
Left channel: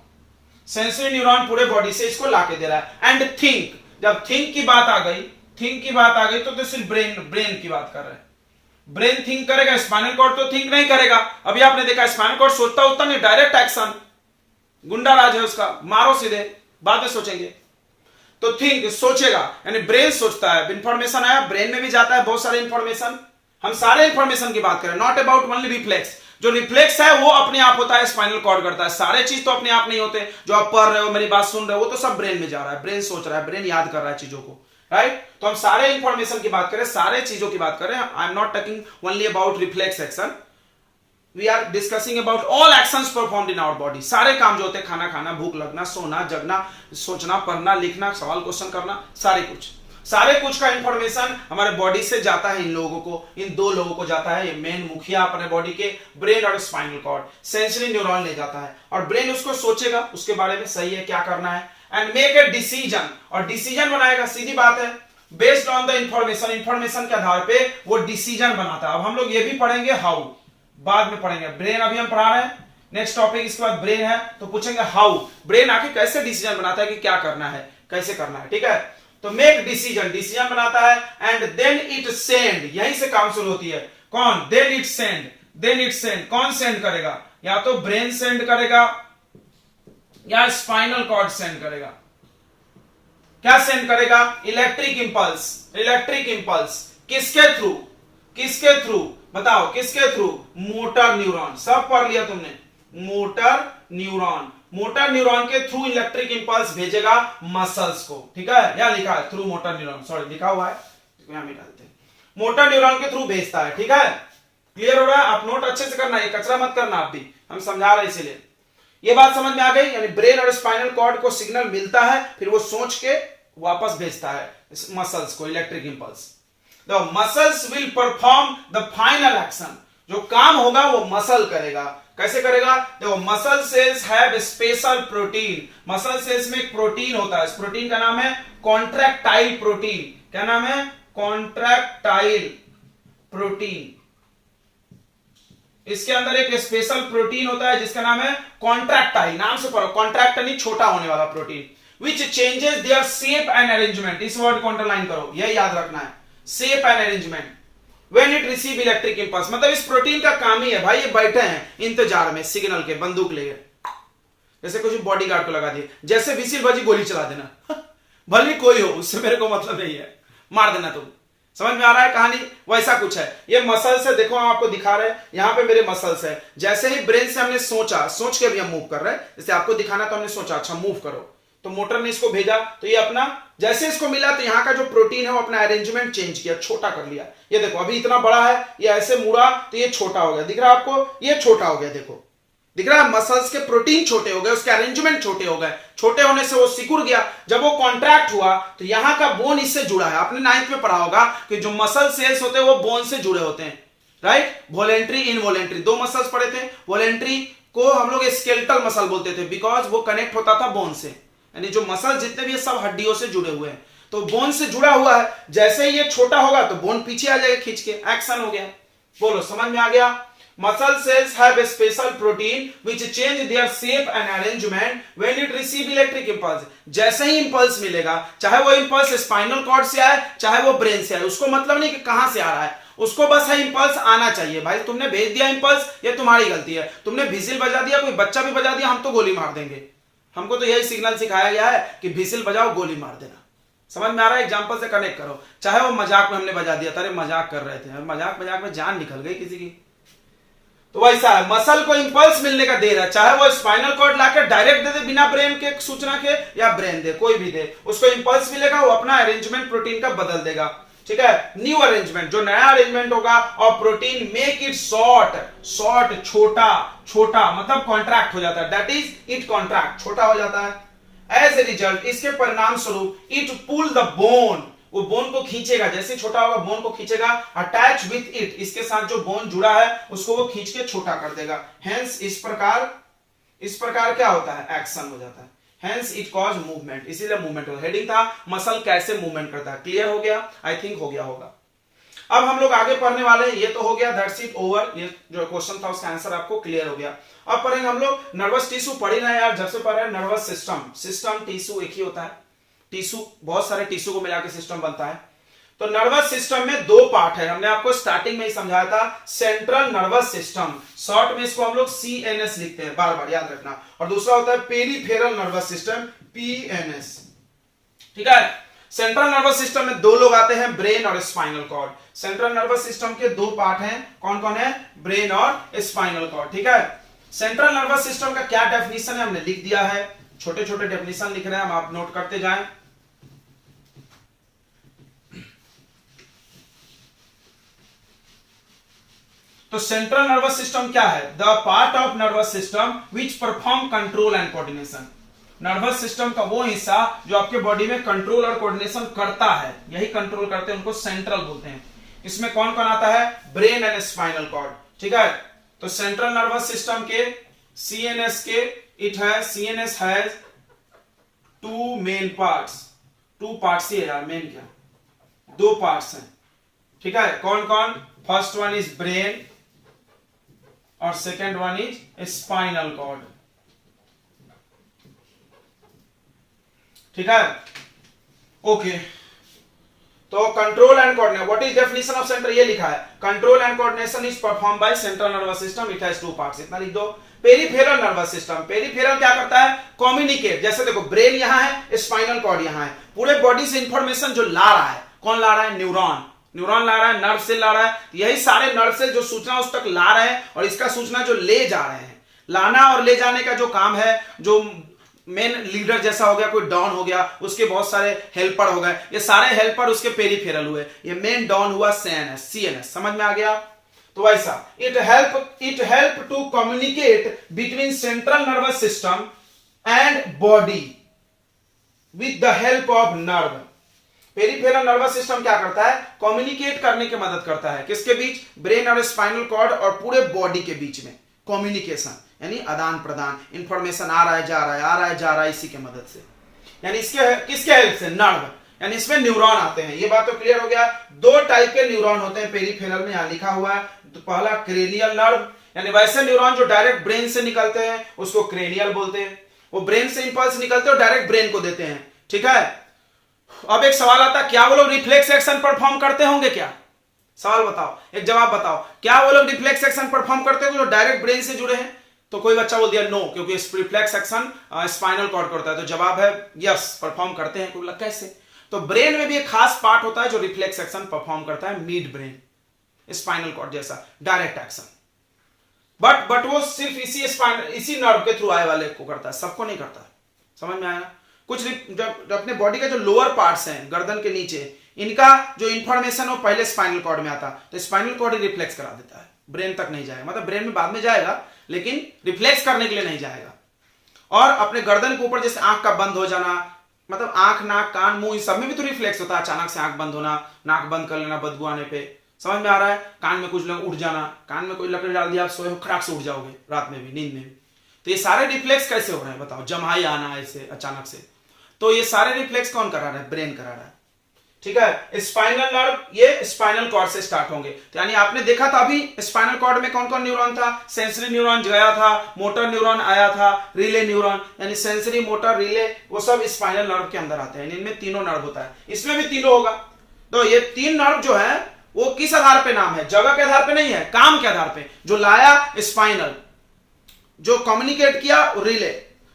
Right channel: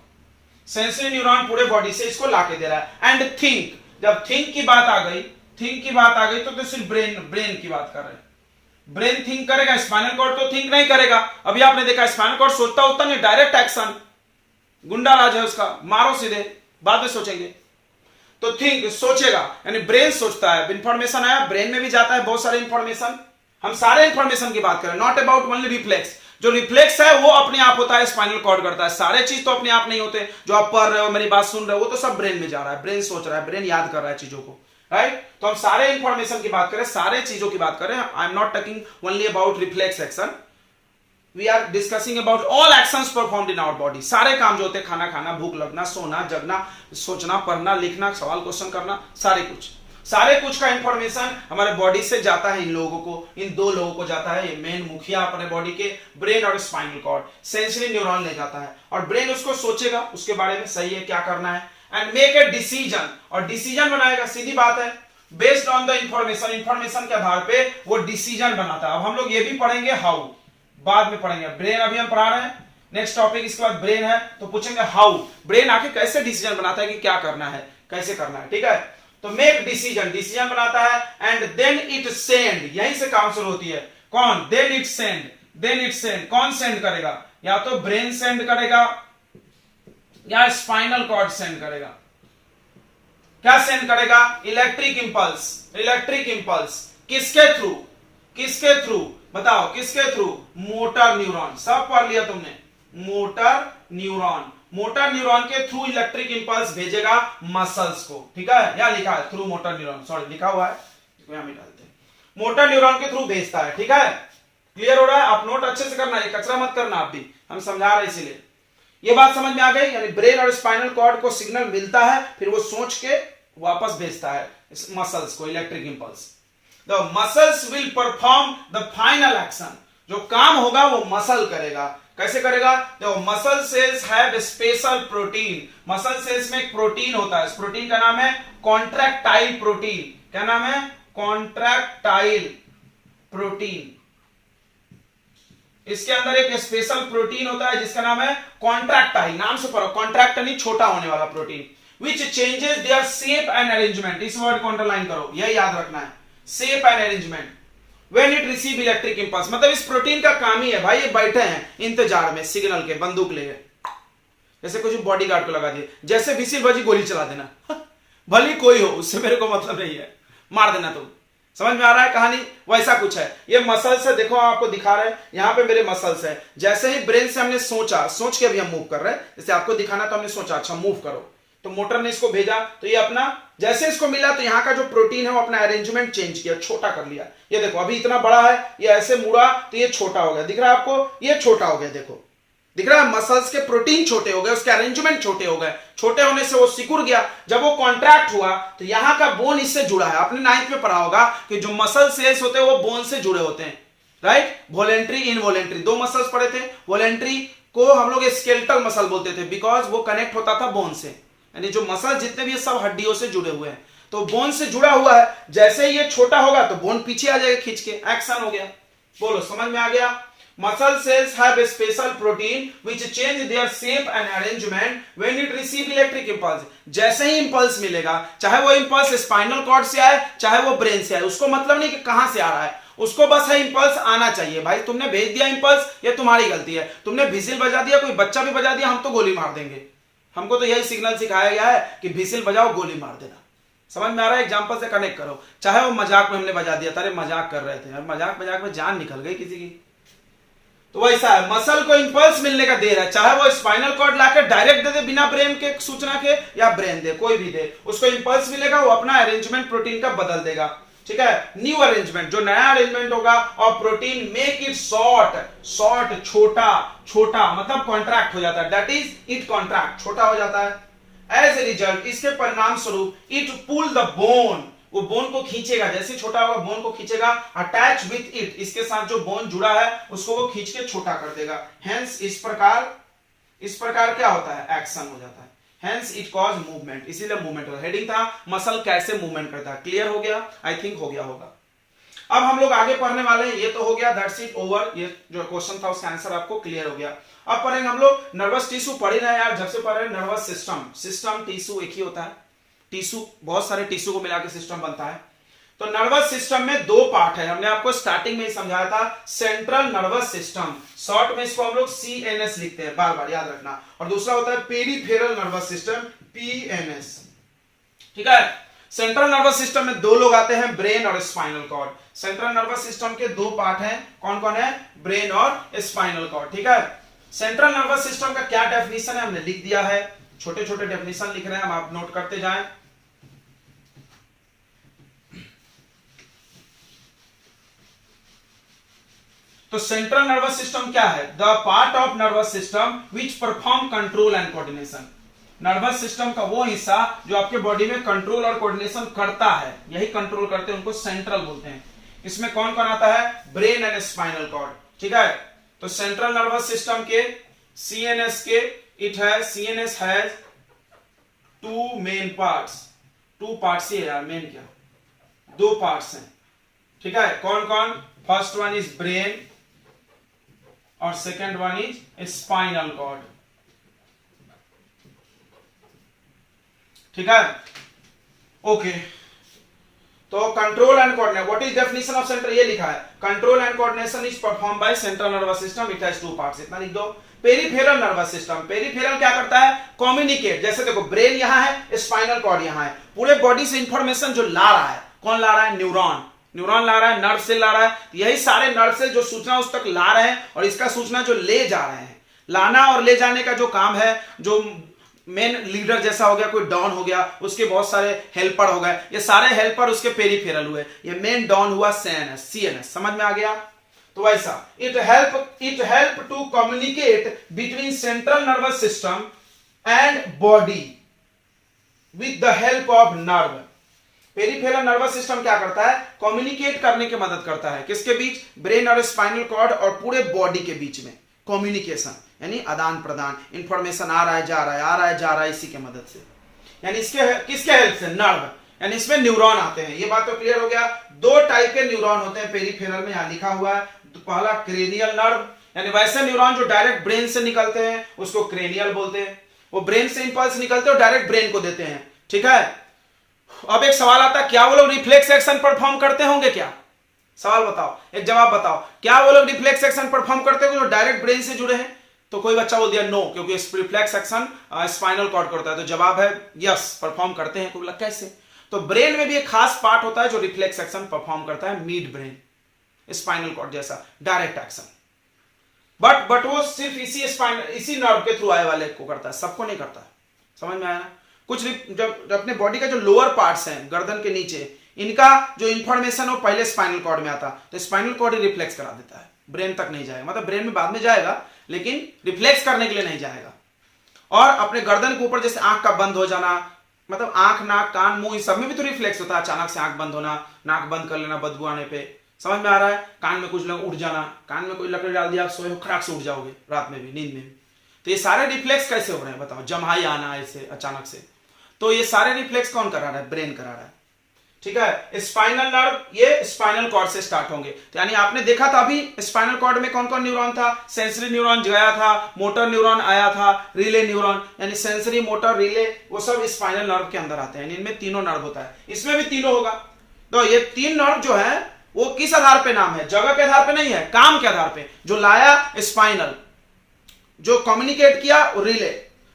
sensory neuron पूरे बॉडी से इसको लाके दे रहा है। एंड थिंक, जब थिंक की बात आ गई, थिंक की बात आ गई तो सिर्फ ब्रेन की बात कर रहे हैं। ब्रेन थिंक करेगा, स्पाइनल कॉर्ड तो थिंक नहीं करेगा। अभी आपने देखा स्पाइनल कॉर्ड सोचता होता नहीं, डायरेक्ट एक्शन, गुंडा राज है उसका, मारो सीधे, बाद में सोचेंगे। तो थिंक सोचेगा, यानी ब्रेन सोचता है। इंफॉर्मेशन आया, ब्रेन में भी जाता है बहुत सारे इंफॉर्मेशन। हम सारे इंफॉर्मेशन की बात करें, नॉट अबाउट ओनली रिफ्लेक्स। जो रिफ्लेक्स है वो अपने आप होता है, स्पाइनल कॉर्ड करता है। सारे चीज तो अपने आप नहीं होते। जो आप पढ़ रहे हो, मेरी बात सुन रहे हो, वो तो सब ब्रेन में जा रहा है। ब्रेन सोच रहा है, ब्रेन याद कर रहा है चीजों को, राइट। तो हम सारे इंफॉर्मेशन की बात करें, सारे चीजों की बात करें। I am not talking only about reflex action, we are discussing about all actions performed in our body. सारे काम जो होते हैं, खाना खाना, भूख लगना, सोना, जगना, सोचना, पढ़ना, लिखना, सवाल क्वेश्चन करना, सारे कुछ का इंफॉर्मेशन हमारे बॉडी से जाता है इन लोगों को, इन दो लोगों को जाता है। ये मेन मुखिया अपने बॉडी के, ब्रेन और स्पाइनल कॉर्ड। सेंसरी न्यूरॉन ले जाता है और ब्रेन उसको सोचेगा उसके बारे में, सही है क्या करना है, एंड मेक ए डिसीजन, और डिसीजन बनाएगा। सीधी बात है, based on the information, information के आधार पे वो डिसीजन बनाता है। अब हम लोग ये भी पढ़ेंगे हाउ, बाद में पढ़ेंगे। ब्रेन अभी हम पढ़ा रहे हैं, नेक्स्ट टॉपिक इसके बाद ब्रेन है, तो पूछेंगे हाउ, ब्रेन आके कैसे डिसीजन बनाता है कि क्या करना है, कैसे करना है, ठीक है। तो मेक डिसीजन, डिसीजन बनाता है। एंड देन इट सेंड, यहीं से काम शुरू होती है। कौन? Then it send, then it send. कौन सेंड करेगा? या तो ब्रेन सेंड करेगा या स्पाइनल कॉर्ड सेंड करेगा। क्या सेंड करेगा? Electric impulse, electric impulse. किसके थ्रू? किसके थ्रू बताओ, किसके थ्रू? Motor neuron. सब पढ़ लिया तुमने, मोटर न्यूरॉन। मोटर न्यूरॉन के थ्रू इलेक्ट्रिक इंपल्स भेजेगा मसल्स को, ठीक है। यहां लिखा है थ्रू मोटर न्यूरॉन, सॉरी लिखा हुआ है, यहां भी डालते हैं। मोटर न्यूरॉन के थ्रू भेजता है, ठीक है। क्लियर हो रहा है? आप नोट अच्छे से करना, ये कचरा मत करना। आप भी, हम समझा रहे इसीलिए। ये बात समझ में आ गई? यानी ब्रेन और स्पाइनल कॉर्ड को सिग्नल मिलता है, फिर वो सोच के वापस भेजता है मसल्स को electric impulse. The muscles will perform the final action, जो काम होगा वो मसल करेगा। कैसे करेगा? देखो, muscle cells have special protein. Muscle cells में एक प्रोटीन होता है, इस प्रोटीन का नाम है कॉन्ट्रैक्टाइल प्रोटीन। क्या नाम है? Contractile protein. इसके अंदर एक स्पेशल प्रोटीन होता है जिसका नाम है कॉन्ट्रैक्टाइल। नाम से पढ़ो, कॉन्ट्रैक्ट यानी छोटा होने वाला protein. Which changes their shape and arrangement, इस वर्ड को अंडरलाइन करो, यह याद रखना है, shape and arrangement. When it receive electric impulse, मतलब इस प्रोटीन का काम ही है भाई, ये बैठे हैं इंतजार में सिग्नल के, बंदूक लेके, जैसे कुछ बॉडीगार्ड को लगा दिए, जैसे विसिल बजी गोली चला देना भले कोई हो, उससे मेरे को मतलब नहीं है, मार देना तुम। समझ में आ रहा है कहानी? वैसा कुछ है। ये मसल्स है, देखो आपको दिखा रहे हैं, यहां पे मेरे मसल्स है। जैसे ही ब्रेन से हमने सोचा, सोच के अभी हम मूव कर रहे हैं, जैसे आपको दिखाना तो हमने सोचा अच्छा मूव करो, तो मोटर ने इसको भेजा, तो ये अपना जैसे इसको मिला तो यहाँ का जो प्रोटीन है वो अपना अरेंजमेंट चेंज किया, छोटा कर लिया। ये देखो अभी इतना बड़ा है, ये ऐसे मुड़ा तो ये छोटा हो गया, दिख रहा है आपको? ये छोटा हो गया, देखो दिख रहा है? मसल्स के प्रोटीन छोटे हो गए, उसके अरेंजमेंट छोटे हो गए। छोटे होने से वो सिकुड़ गया। जब वो कॉन्ट्रैक्ट हुआ तो यहाँ का बोन इससे जुड़ा है। आपने 9th में पढ़ा होगा कि जो मसल सेल्स होते हैं वो बोन से जुड़े होते हैं, राइट। वॉलेंट्री, इनवॉलेंट्री, दो मसल्स पढ़े थे। वॉलेंट्री को हम लोग स्केलेटल मसल बोलते थे, बिकॉज वो कनेक्ट होता था बोन से, यानी जो मसल जितने भी सब हड्डियों से जुड़े हुए हैं, तो बोन से जुड़ा हुआ है। जैसे ही ये छोटा होगा तो बोन पीछे आ जाएगा खींच के, एक्शन हो गया। बोलो, समझ में आ गया? Muscle cells have a special protein which change their shape and arrangement when it receive electric impulse. जैसे ही इंपल्स मिलेगा, चाहे वो इंपल्स स्पाइनल कॉर्ड से आए चाहे वो ब्रेन से आए, उसको मतलब नहीं कि कहां से आ रहा है, उसको बस है इंपल्स आना चाहिए। भाई तुमने भेज दिया इंपल्स, ये तुम्हारी गलती है। तुमने विजिल बजा दिया, कोई बच्चा भी बजा दिया, हम तो गोली मार देंगे। हमको तो यही सिग्नल सिखाया गया है कि विजिल बजाओ, गोली मार देना। समझ में आ रहा है? एग्जांपल से कनेक्ट करो। चाहे वो मजाक में हमने बजा दिया था, अरे मजाक कर रहे थे, मजाक मजाक में जान निकल गई किसी की। तो वैसा है, मसल को इंपल्स मिलने का देर है, चाहे वो स्पाइनल कॉर्ड लाकर डायरेक्ट दे दे बिना ब्रेन के सूचना के, या ब्रेन दे, कोई भी दे, उसको इंपल्स मिलेगा, वो अपना अरेंजमेंट प्रोटीन का बदल देगा। ठीक है, न्यू अरेंजमेंट, जो नया अरेंजमेंट होगा, और प्रोटीन मेक इट शॉर्ट, छोटा मतलब कॉन्ट्रैक्ट हो जाता है, दैट इज इट कॉन्ट्रैक्ट, छोटा हो जाता है। एज ए रिजल्ट, इसके परिणाम स्वरूप इट पुल द बोन, वो बोन को खींचेगा, जैसे छोटा होगा बोन को खींचेगा, अटैच विथ इट, इसके साथ जो बोन जुड़ा है उसको वो खींच के छोटा कर देगा। हेंस इस प्रकार क्या होता है, एक्शन हो जाता है। हेंस इट कॉज मूवमेंट, इसीलिए मूवमेंट होता है। हेडिंग था मसल कैसे मूवमेंट करता है। क्लियर हो गया? आई थिंक हो गया होगा। अब हम लोग आगे पढ़ने वाले हैं, ये तो हो गया, दैट्स इट ओवर। ये जो क्वेश्चन था उसका आंसर आपको क्लियर हो गया। अब पढ़ेंगे हम लोग नर्वस टिश्यू। पढ़ ही रहे हैं यार, जब से पढ़ रहे हैं। नर्वस सिस्टम टिश्यू एक ही होता है, टिश्यू बहुत सारे टिश्यू को मिला के सिस्टम बनता है। तो नर्वस सिस्टम में दो पार्ट है, हमने आपको स्टार्टिंग में ही समझाया था। सेंट्रल नर्वस सिस्टम, शॉर्ट में इसको हम लोग CNS लिखते हैं, बार बार याद रखना। और दूसरा होता है पेरिफेरल नर्वस सिस्टम, PNS। ठीक है, सेंट्रल नर्वस सिस्टम में दो लोग आते हैं, ब्रेन और spinal cord. Central nervous system के दो पार्ट हैं, कौन कौन है? ब्रेन और स्पाइनल कॉर्ड। ठीक है, सेंट्रल नर्वस सिस्टम का क्या डेफिनेशन है हमने लिख दिया है, छोटे छोटे डेफिनेशन लिख रहे हैं हम, आप नोट करते जाएं। तो सेंट्रल नर्वस सिस्टम क्या है? The part of nervous system which perform control and coordination. Nervous system का वो हिस्सा जो आपके बॉडी में कंट्रोल और कोऑर्डिनेशन करता है, यही कंट्रोल करते हैं, उनको सेंट्रल बोलते हैं। इसमें कौन कौन आता है? Brain and spinal cord. ठीक है, तो सेंट्रल नर्वस सिस्टम के CNS के CNS has two main parts. Two parts ही है यार, मेन क्या, दो पार्ट्स हैं। ठीक है, कौन कौन? फर्स्ट वन इज ब्रेन और second one is spinal cord. ठीक है, ओके। तो control and coordination, what is definition of central, ये लिखा है, control and coordination is perform by central nervous system, it has two parts. इतना लिख दो। पेरिफेरल नर्वस सिस्टम, पेरिफेरल क्या करता है? कम्युनिकेट। जैसे देखो, ब्रेन यहां है, स्पाइनल कॉर्ड यहां है, पूरे बॉडी से इंफॉर्मेशन जो ला रहा है, कौन ला रहा है? न्यूरॉन ला रहा है, नर्व से ला रहा है। यही सारे नर्व से जो सूचना उस तक ला रहे हैं, और इसका सूचना जो ले जा रहे हैं, लाना और ले जाने का जो काम है, जो मेन लीडर जैसा हो गया, कोई डॉन हो गया, उसके बहुत सारे हेल्पर हो गए, ये सारे हेल्पर उसके पेरिफेरल हुए। ये मेन डॉन हुआ CNS। समझ में आ गया? तो वैसा it help to communicate between central nervous system and body with the help of nerve. Peripheral nervous system क्या करता है? कम्युनिकेट करने की मदद करता है, किसके बीच? ब्रेन और स्पाइनल कॉर्ड और पूरे बॉडी के बीच में कम्युनिकेशन, यानी आदान प्रदान, इंफॉर्मेशन आ रहा है जा रहा है इसी के मदद से। यानी इसके किसके हेल्प से? नर्व, यानी इसमें न्यूरॉन आते हैं। ये बात तो क्लियर हो गया। दो टाइप के न्यूरॉन होते हैं पेरिफेरल में, यहां लिखा हुआ है। तो पहला क्रेनियल नर्व, यानी वैसे न्यूरॉन जो डायरेक्ट ब्रेन से निकलते हैं उसको क्रेनियल बोलते हैं। वो ब्रेन से इंपल्स निकलते हैं और डायरेक्ट ब्रेन को देते हैं। ठीक है, अब एक सवाल आता है, क्या वो लोग रिफ्लेक्स एक्शन परफॉर्म करते होंगे? क्या सवाल बताओ, एक जवाब बताओ, क्या वो लोग रिफ्लेक्स एक्शन परफॉर्म करते होंगे जो डायरेक्ट ब्रेन से जुड़े हैं? तो कोई बच्चा बोल दिया नो, क्योंकि रिफ्लेक्स एक्शन स्पाइनल कॉर्ड करता है। तो जवाब है यस, परफॉर्म करते हैं। तो कैसे? तो ब्रेन में भी एक खास पार्ट होता है जो रिफ्लेक्स एक्शन परफॉर्म करता है, मिड ब्रेन, स्पाइनल कॉर्ड जैसा डायरेक्ट एक्शन। बट वो सिर्फ इसी नर्व के थ्रू आए वाले को करता है, सबको नहीं करता है। समझ में आया? कुछ जब अपने बॉडी का जो लोअर पार्ट्स हैं, गर्दन के नीचे, इनका जो इंफॉर्मेशन हो पहले स्पाइनल कॉर्ड में आता, तो स्पाइनल कॉर्ड ही रिफ्लेक्स करा देता है, ब्रेन तक नहीं जाएगा। मतलब ब्रेन में बाद में जाएगा, लेकिन रिफ्लेक्स करने के लिए नहीं जाएगा। और अपने गर्दन के ऊपर जैसे आंख का बंद हो जाना, मतलब आंख, नाक, कान, मुंह, इन सब में भी तो रिफ्लेक्स होता है। अचानक से आंख बंद होना, नाक बंद कर लेना बदबू आने पे, समझ में आ रहा है? कान में कुछ लोग उठ जाना, कान में कोई लकड़ी डाल दिया, आप सोए हो, खराब से उठ जाओगे रात में भी, नींद में भी। तो ये सारे रिफ्लेक्स कैसे हो रहे हैं बताओ? जमाई आना ऐसे अचानक से, तो ये सारे रिफ्लेक्स कौन करा रहा है? ब्रेन करा रहा है। ठीक है, स्पाइनल नर्व ये स्पाइनल कॉर्ड से स्टार्ट होंगे। तो यानी आपने देखा था अभी स्पाइनल कॉर्ड में कौन कौन न्यूरॉन था? सेंसरी न्यूरॉन गया था, मोटर न्यूरॉन आया था, रिले न्यूरॉन, यानी सेंसरी, मोटर, रिले, वो सब स्पाइनल नर्व के अंदर आते हैं। इनमें तीनों नर्व होता है, इसमें भी तीनों होगा। तो ये तीन नर्व जो है वो किस आधार पे नाम है? जगह के आधार पे नहीं है, काम के आधार पे। जो लाया स्पाइनल, जो कम्युनिकेट किया रिले,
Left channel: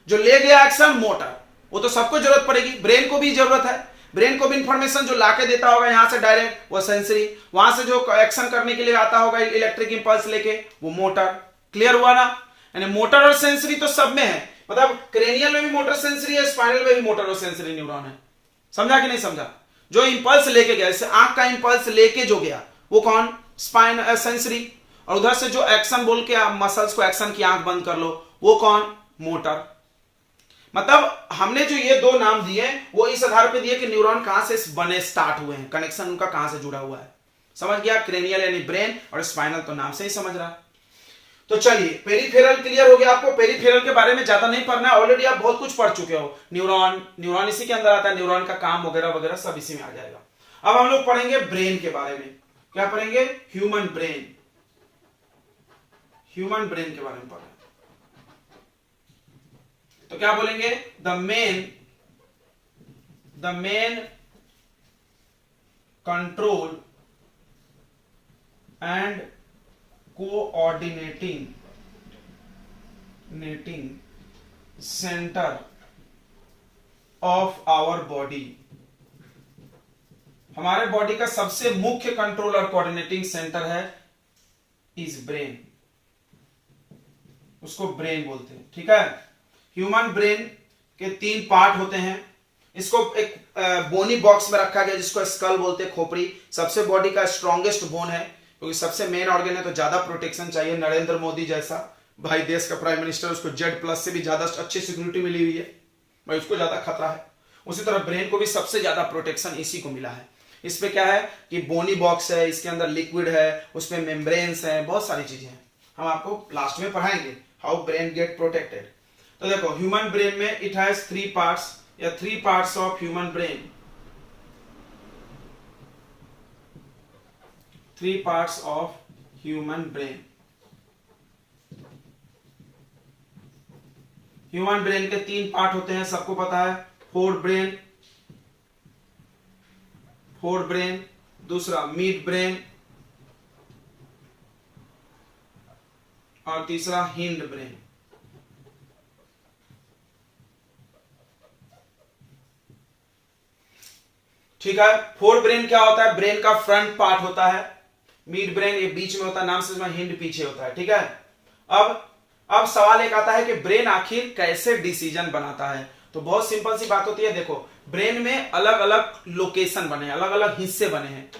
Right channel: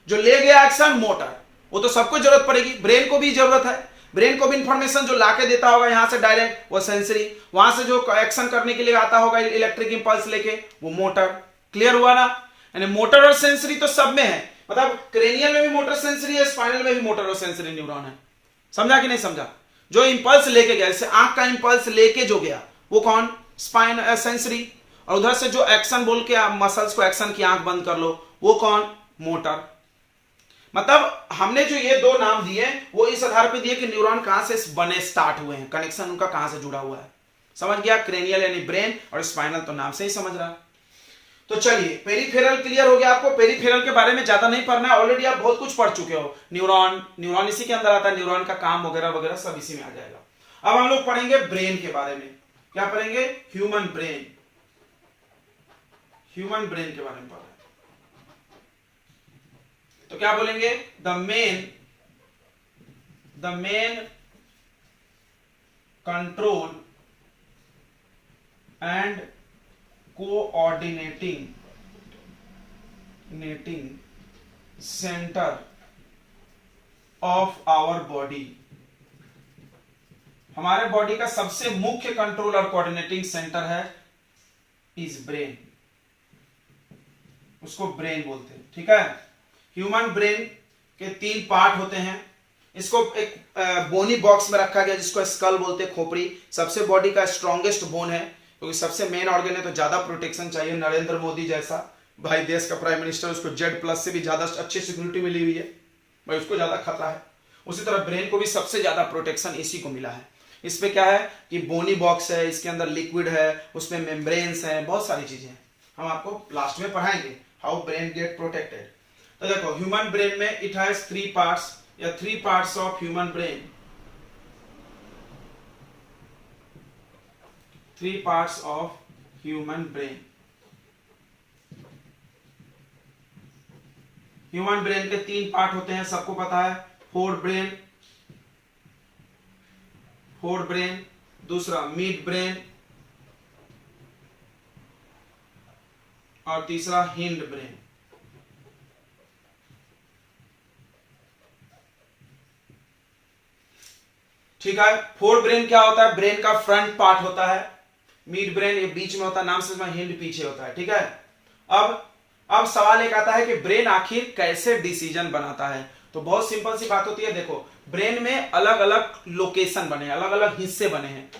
जो ले गया एक्शन मोटर। वो तो सबको जरूरत पड़ेगी, ब्रेन को भी जरूरत है, ब्रेन को भी इंफॉर्मेशन जो लाके देता होगा यहां से डायरेक्ट, वो सेंसरी, वहां से जो एक्शन करने के लिए आता होगा इलेक्ट्रिक इंपल्स लेके, वो मोटर। क्लियर हुआ ना? यानी मोटर और सेंसरी तो सब में है, मतलब क्रेनियल में भी मोटर सेंसरी है, स्पाइनल में भी मोटर और सेंसरी न्यूरॉन है। समझा कि नहीं समझा? जो इंपल्स लेके गया, जैसे आंख का इंपल्स लेके जो गया वो कौन? Spine sensory. और उधर से जो एक्शन बोल के मसल्स को एक्शन की, आंख बंद कर लो, वो कौन? मोटर। मतलब हमने जो ये दो नाम दिए वो इस आधार पे दिए कि न्यूरॉन कहां से बने, स्टार्ट हुए हैं, कनेक्शन उनका कहां से जुड़ा हुआ है। समझ गया? क्रेनियल यानी ब्रेन और स्पाइनल तो नाम से ही समझ रहा है। तो चलिए पेरिफेरल क्लियर हो गया आपको। पेरिफेरल के बारे में ज्यादा नहीं पढ़ना है, ऑलरेडी आप बहुत कुछ पढ़ चुके हो। न्यूरॉन इसी के अंदर आता है, न्यूरॉन का काम वगैरह वगैरह सब इसी में आ जाएगा। अब हम लोग पढ़ेंगे ब्रेन के बारे में। क्या पढ़ेंगे? Human brain. ह्यूमन ब्रेन के बारे में पढ़ रहे हैं। तो क्या बोलेंगे? The main control and coordinating centre of our body. हमारे बॉडी का सबसे मुख्य कंट्रोल और कोऑर्डिनेटिंग सेंटर है इज ब्रेन, उसको ब्रेन बोलते हैं। ठीक है? ह्यूमन ब्रेन के 3 पार्ट होते हैं। इसको एक बोनी बॉक्स में रखा गया जिसको स्कल बोलते हैं, खोपड़ी। सबसे बॉडी का स्ट्रॉन्गेस्ट बोन है क्योंकि सबसे मेन ऑर्गन है, तो ज्यादा प्रोटेक्शन चाहिए। नरेंद्र मोदी जैसा भाई देश का प्राइम मिनिस्टर, उसको Z+ से भी ज्यादा अच्छी सिक्योरिटी मिली हुई है भाई, उसको ज्यादा खतरा है। उसी तरह ब्रेन को भी सबसे ज्यादा प्रोटेक्शन इसी को मिला है। इस पे क्या है कि बोनी बॉक्स है, इसके अंदर लिक्विड है, उसमें मेम्ब्रेन्स है, बहुत सारी चीजें हैं। हम आपको लास्ट में पढ़ाएंगे हाउ ब्रेन गेट प्रोटेक्टेड। तो देखो ह्यूमन ब्रेन में इट हैज 3 पार्ट्स या 3 parts of human brain. 3 parts of human brain. Human brain के 3 पार्ट होते हैं, सबको पता है। फोर ब्रेन, दूसरा मिड ब्रेन और तीसरा हिंड ब्रेन। ठीक है? फोर ब्रेन क्या होता है? ब्रेन का फ्रंट पार्ट होता है। मिड ब्रेन ये बीच में होता है, नाम से हिंड पीछे होता है। ठीक है? अब सवाल एक आता है कि ब्रेन आखिर कैसे डिसीजन बनाता है। तो बहुत सिंपल सी बात होती है। देखो ब्रेन में अलग अलग लोकेशन बने हैं, अलग अलग हिस्से बने हैं।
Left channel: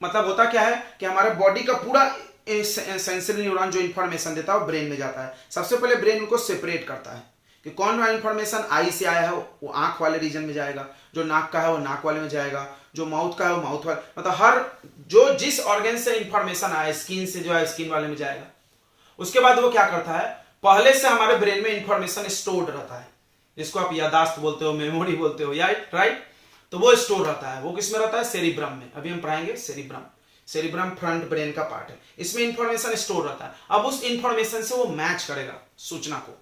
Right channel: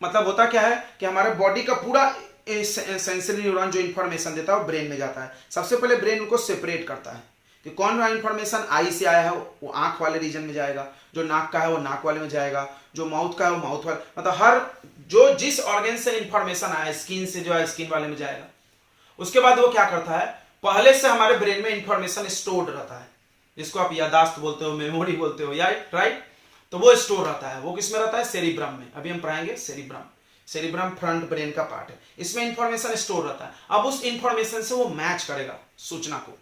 मतलब होता क्या है कि हमारे बॉडी का पूरा सेंसरी न्यूरॉन जो इंफॉर्मेशन देता है वो ब्रेन में जाता है। सबसे पहले ब्रेन उनको सेपरेट करता है कि कौन सा इंफॉर्मेशन आई से आया है वो आंख वाले रीजन में जाएगा, जो नाक का है वो नाक वाले में जाएगा, जो माउथ का है वो माउथ वाले, मतलब हर जो जिस ऑर्गन से इंफॉर्मेशन आया, स्किन से जो है स्किन वाले में जाएगा। उसके बाद वो क्या करता है, पहले से हमारे ब्रेन में इंफॉर्मेशन स्टोर्ड रहता है, जिसको आप यादाश्त बोलते हो, मेमोरी बोलते हो, या राइट। तो वो स्टोर रहता है, वो किसमें रहता है? सेरिब्रम में। अभी हम पढ़ाएंगे सेरिब्रम फ्रंट ब्रेन का पार्ट है, इसमें इंफॉर्मेशन स्टोर रहता है। अब उस इंफॉर्मेशन से वो मैच करेगा सूचना को।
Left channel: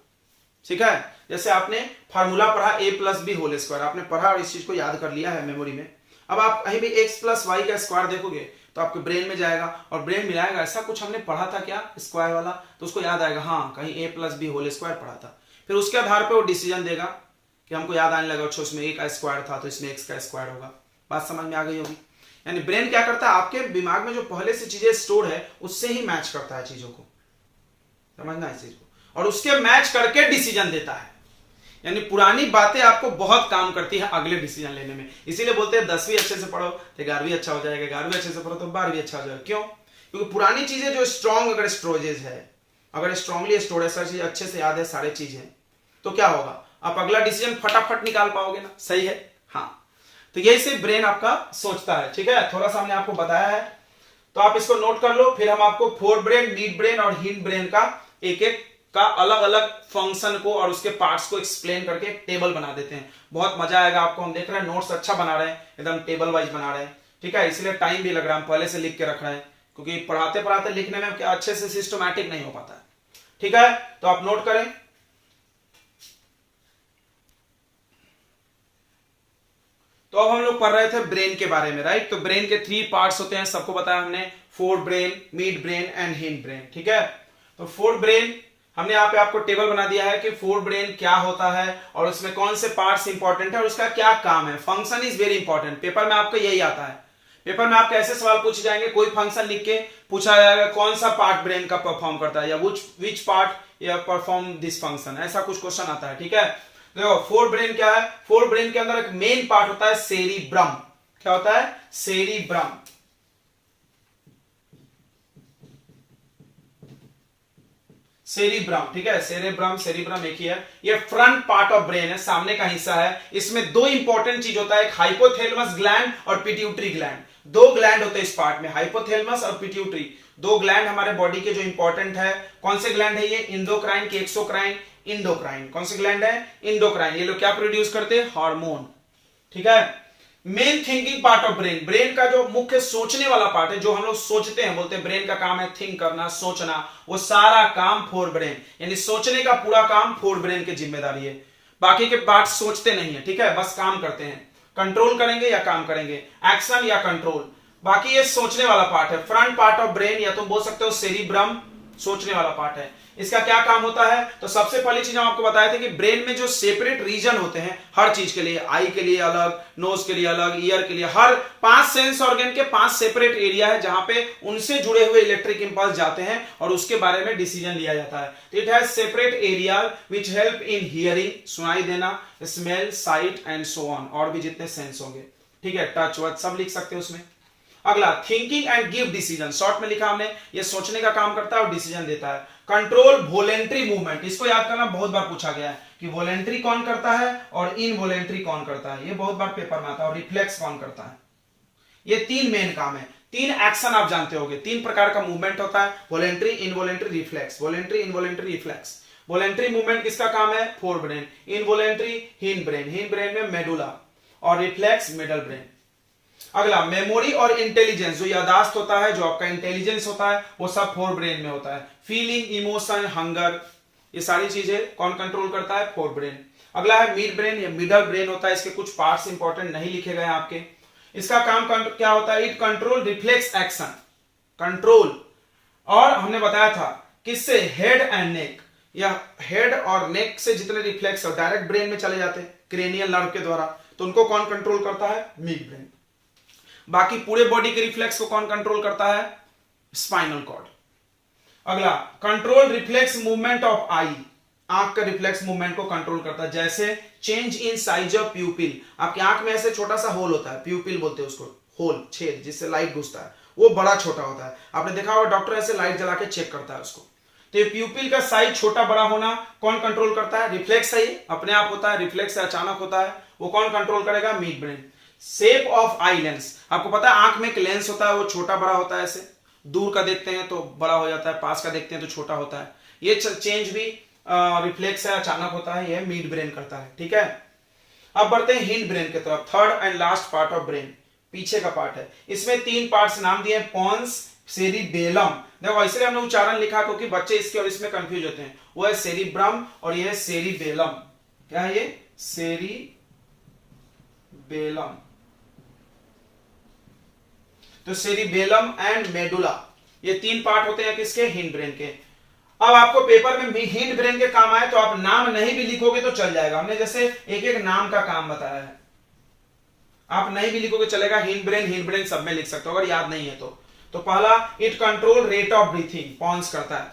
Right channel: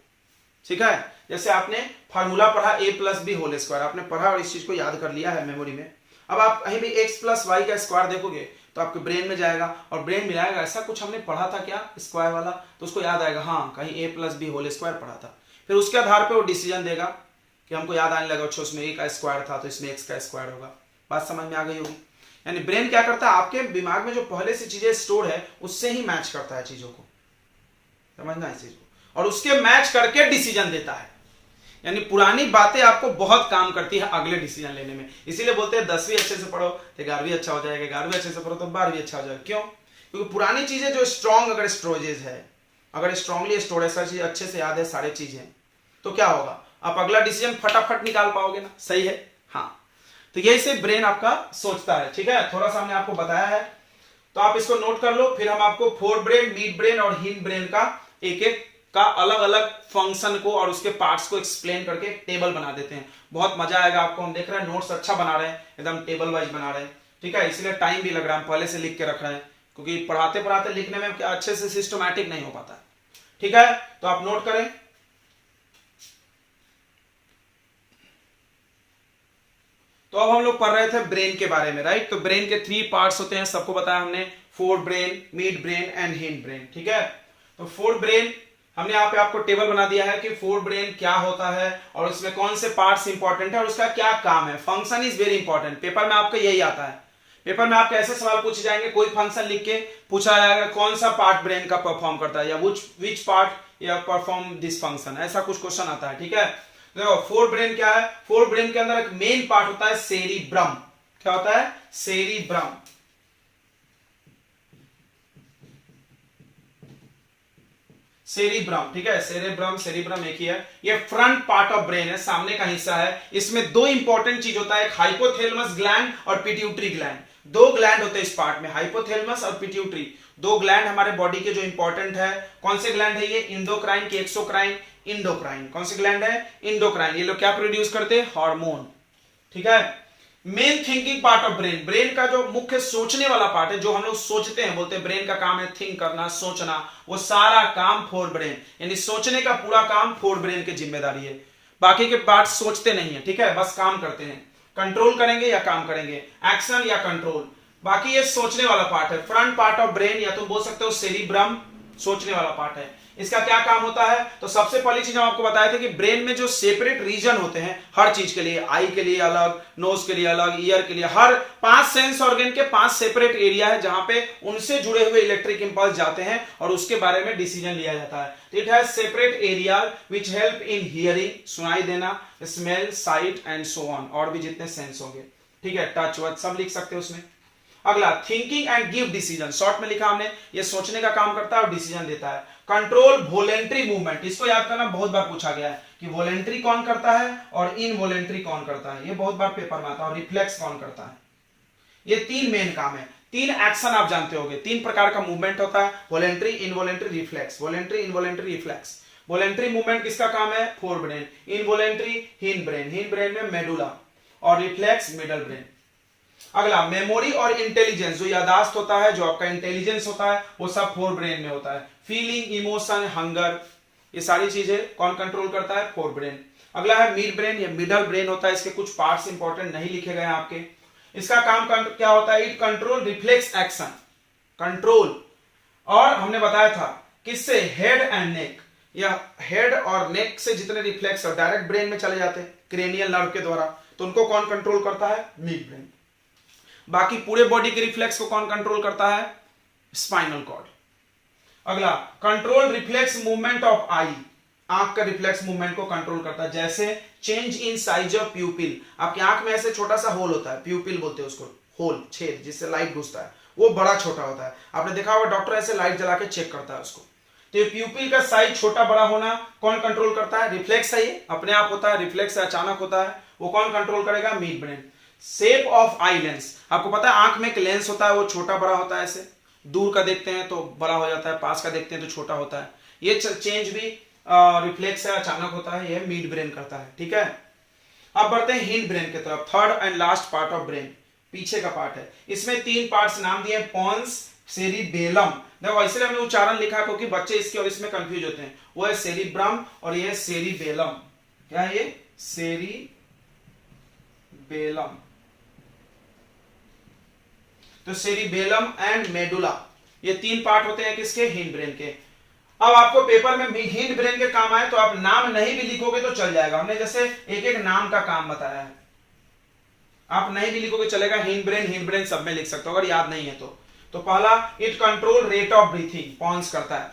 ठीक है? जैसे आपने फार्मूला पढ़ा A+B², आपने पढ़ा और इस चीज को याद कर लिया है मेमोरी में। अब आप कहीं भी x+y का स्क्वायर देखोगे तो आपके ब्रेन में जाएगा और ब्रेन मिलाएगा ऐसा कुछ हमने पढ़ा था क्या स्क्वायर वाला, तो उसको याद आएगा, हाँ कहीं A+B² पढ़ा था। फिर उसके आधार पर वो डिसीजन देगा कि हमको याद आने लगा, अच्छा उसमें A का स्क्वायर था तो इसमें x का स्क्वायर होगा। बात समझ में आ गई होगी? यानी ब्रेन क्या करता है, आपके दिमाग में जो पहले से चीजें स्टोर है उससे ही मैच करता है चीजों को। समझना इस चीज को, और उसके मैच करके डिसीजन देता है। यानी पुरानी बातें आपको बहुत काम करती है अगले डिसीजन लेने में। इसीलिए बोलते हैं 10वीं अच्छे से पढ़ो तो 11वीं अच्छा हो जाएगा, 11वीं अच्छे से पढ़ो तो 12वीं अच्छा हो जाएगा। क्यों? क्योंकि पुरानी चीजें जो स्ट्रॉन्ग अगर स्टोरेजेस है, अगर स्ट्रांगली स्टोर है, सारी चीज अच्छे से याद है, सारी चीजें, तो क्या होगा, आप अगला डिसीजन फटाफट निकाल पाओगे ना। सही है? हाँ। तो यही से ब्रेन आपका सोचता है। ठीक है? थोड़ा सा हमने आपको बताया है तो आप इसको नोट कर लो। फिर हम आपको फोर ब्रेन, मिड ब्रेन और हिंड ब्रेन का एक एक का अलग अलग फंक्शन को और उसके पार्ट्स को एक्सप्लेन करके एक टेबल बना देते हैं। बहुत मजा आएगा आपको। हम देख रहे हैं नोट्स अच्छा बना रहे हैं, एकदम टेबल वाइज बना रहे हैं। ठीक है? इसलिए टाइम भी लग रहा है, हम पहले से लिख के रख रहे हैं क्योंकि पढ़ाते पढ़ाते लिखने में अच्छे से सिस्टमैटिक नहीं हो पाता है। ठीक है? तो आप नोट करें। तो अब हम लोग पढ़ रहे थे ब्रेन के बारे में, राइट। तो ब्रेन के 3 पार्ट्स होते हैं, सबको बताया हमने, fore brain, mid brain and hind brain. ठीक है? तो फोर ब्रेन हमने यहाँ पे आपको टेबल बना दिया है कि फोर ब्रेन क्या होता है और उसमें कौन से पार्ट्स इंपॉर्टेंट है और उसका क्या काम है। Function is very important, paper में आपका यही आता है। पेपर में आपके ऐसे सवाल पूछे जाएंगे, कोई फंक्शन लिख के पूछा जाएगा कौन सा पार्ट ब्रेन का परफॉर्म करता है या विच पार्ट या परफॉर्म दिस फंक्शन, ऐसा कुछ क्वेश्चन आता है। ठीक है, देखो फोर ब्रेन क्या है। फोर ब्रेन के अंदर एक मेन पार्ट होता है सेरिब्रम। क्या होता है? सेरिब्रम। सेरिब्रम, ठीक है, सेरिब्रम एक ही है। ये फ्रंट पार्ट ऑफ ब्रेन है, सामने का हिस्सा है। इसमें दो इंपॉर्टेंट चीज होता है, एक हाइपोथैलेमस ग्लैंड और पिट्यूटरी ग्लैंड। दो ग्लैंड होते हैं इस पार्ट में, हाइपोथैलेमस और पिट्यूटरी। दो ग्लैंड हमारे बॉडी के जो इंपॉर्टेंट है। कौन से ग्लैंड है ये? इंडोक्राइन की एक्सोक्राइन? इंडोक्राइन। कौन से ग्लैंड है? इंडोक्राइन। ये लोग क्या प्रोड्यूस करते हैं? हार्मोन। ठीक है। Main thinking part of brain, brain का जो मुख्य सोचने वाला पार्ट है, जो हम लोग सोचते हैं, बोलते हैं ब्रेन का काम है थिंक करना, सोचना, वो सारा काम फोर ब्रेन, यानी सोचने का पूरा काम फोर ब्रेन की जिम्मेदारी है। बाकी के पार्ट सोचते नहीं है, ठीक है, बस काम करते हैं। कंट्रोल करेंगे या काम करेंगे, एक्शन या कंट्रोल। बाकी ये सोचने वाला पार्ट है, फ्रंट पार्ट ऑफ ब्रेन, या तुम बोल सकते हो सेरिब्रम, सोचने वाला पार्ट है। इसका क्या काम होता है? तो सबसे पहली चीज हम आपको बताए थे कि ब्रेन में जो सेपरेट रीजन होते हैं हर चीज के लिए, आई के लिए अलग, नोज के लिए अलग, ईयर के लिए, हर 5 सेंस ऑर्गन के 5 सेपरेट एरिया है जहां पे उनसे जुड़े हुए इलेक्ट्रिक इंपल्स जाते हैं और उसके बारे में डिसीजन लिया जाता है। It has separate area which help in hearing, सुनाई देना, smell, site and so on, और भी जितने सेंस होंगे। ठीक है, टच वर्ड सब लिख सकते हैं उसमें। अगला, thinking and give decision, short में लिखा हमने, ये सोचने का काम करता है और डिसीजन देता है। कंट्रोल वॉलेंट्री मूवमेंट, इसको याद करना बहुत बार पूछा गया है कि वॉलेंट्री कौन करता है और इनवॉलेंट्री कौन करता है, ये बहुत बार पेपर में आता है। और रिफ्लेक्स कौन करता है। ये 3 मेन काम है, 3 एक्शन आप जानते होंगे, 3 प्रकार का मूवमेंट होता है, voluntary, involuntary, reflex. Voluntary, involuntary, reflex. Voluntary movement किसका काम है? Fore brain. Involuntary hind brain, hind brain में मेडुला, और रिफ्लेक्स मिडल ब्रेन। अगला, मेमोरी और इंटेलिजेंस, जो यादाश्त होता है, जो आपका इंटेलिजेंस होता है, वो सब फोर ब्रेन में होता है। फीलिंग, इमोशन, हंगर, ये सारी चीजें कौन कंट्रोल करता है? Fore brain. अगला है मिड ब्रेन, ये मिडल ब्रेन होता है। इसके कुछ पार्ट्स इंपॉर्टेंट नहीं लिखे गए आपके। इसका काम क्या होता है? It control reflex action, control. और हमने बताया था किससे? हेड एंड नेक, या हेड और नेक से जितने रिफ्लेक्स डायरेक्ट ब्रेन में चले जाते हैं क्रेनियल नर्व के द्वारा, तो उनको कौन कंट्रोल करता है? Mid brain. बाकी पूरे बॉडी के रिफ्लेक्स को कौन कंट्रोल करता है? Spinal cord. अगला, control reflex movement of eye, आंख का रिफ्लेक्स मूवमेंट को कंट्रोल करता है। जैसे change in size of pupil, आपकी आंख में ऐसे छोटा सा होल होता है, प्यूपिल बोलते हैं उसको, होल, छेद जिससे लाइट घुसता है, वो बड़ा छोटा होता है। आपने देखा होगा डॉक्टर ऐसे लाइट जला के चेक करता है उसको। तो ये प्यूपिल का साइज छोटा बड़ा होना कौन कंट्रोल करता है? रिफ्लेक्स है, ये अपने आप होता है, रिफ्लेक्स है, अचानक होता है, वो कौन कंट्रोल करेगा? Mid brain. Shape of eye lens, आपको पता है आंख में एक लेंस होता है, वो छोटा बड़ा होता है, ऐसे दूर का देखते हैं तो बड़ा हो जाता है, पास का देखते हैं तो छोटा होता है। ये चेंज भी रिफ्लेक्स है, अचानक होता है, ये मिड ब्रेन करता है। ठीक है, अब बढ़ते हैं हिंड ब्रेन की तरफ, third and last part of brain, पीछे का पार्ट है। इसमें 3 पार्ट्स नाम दिए, पॉन्स, सेरिबेलम। देखो इसलिए हमने उच्चारण लिखा क्योंकि बच्चे इसके और इसमें कंफ्यूज होते हैं। वो है सेरिब्रम और ये है सेरिबेलम। क्या है ये? सेरिबेलम। तो सेरिबेलम एंड मेडुला, ये 3 पार्ट होते हैं किसके? हिंड ब्रेन के। अब आपको पेपर में हिंड ब्रेन के काम आए तो आप नाम नहीं भी लिखोगे तो चल जाएगा, हमने जैसे एक एक नाम का काम बताया है। आप नहीं भी लिखोगे चलेगा, हिंड ब्रेन सब में लिख सकते हो अगर याद नहीं है तो पहला, it control rate of breathing, pons करता है,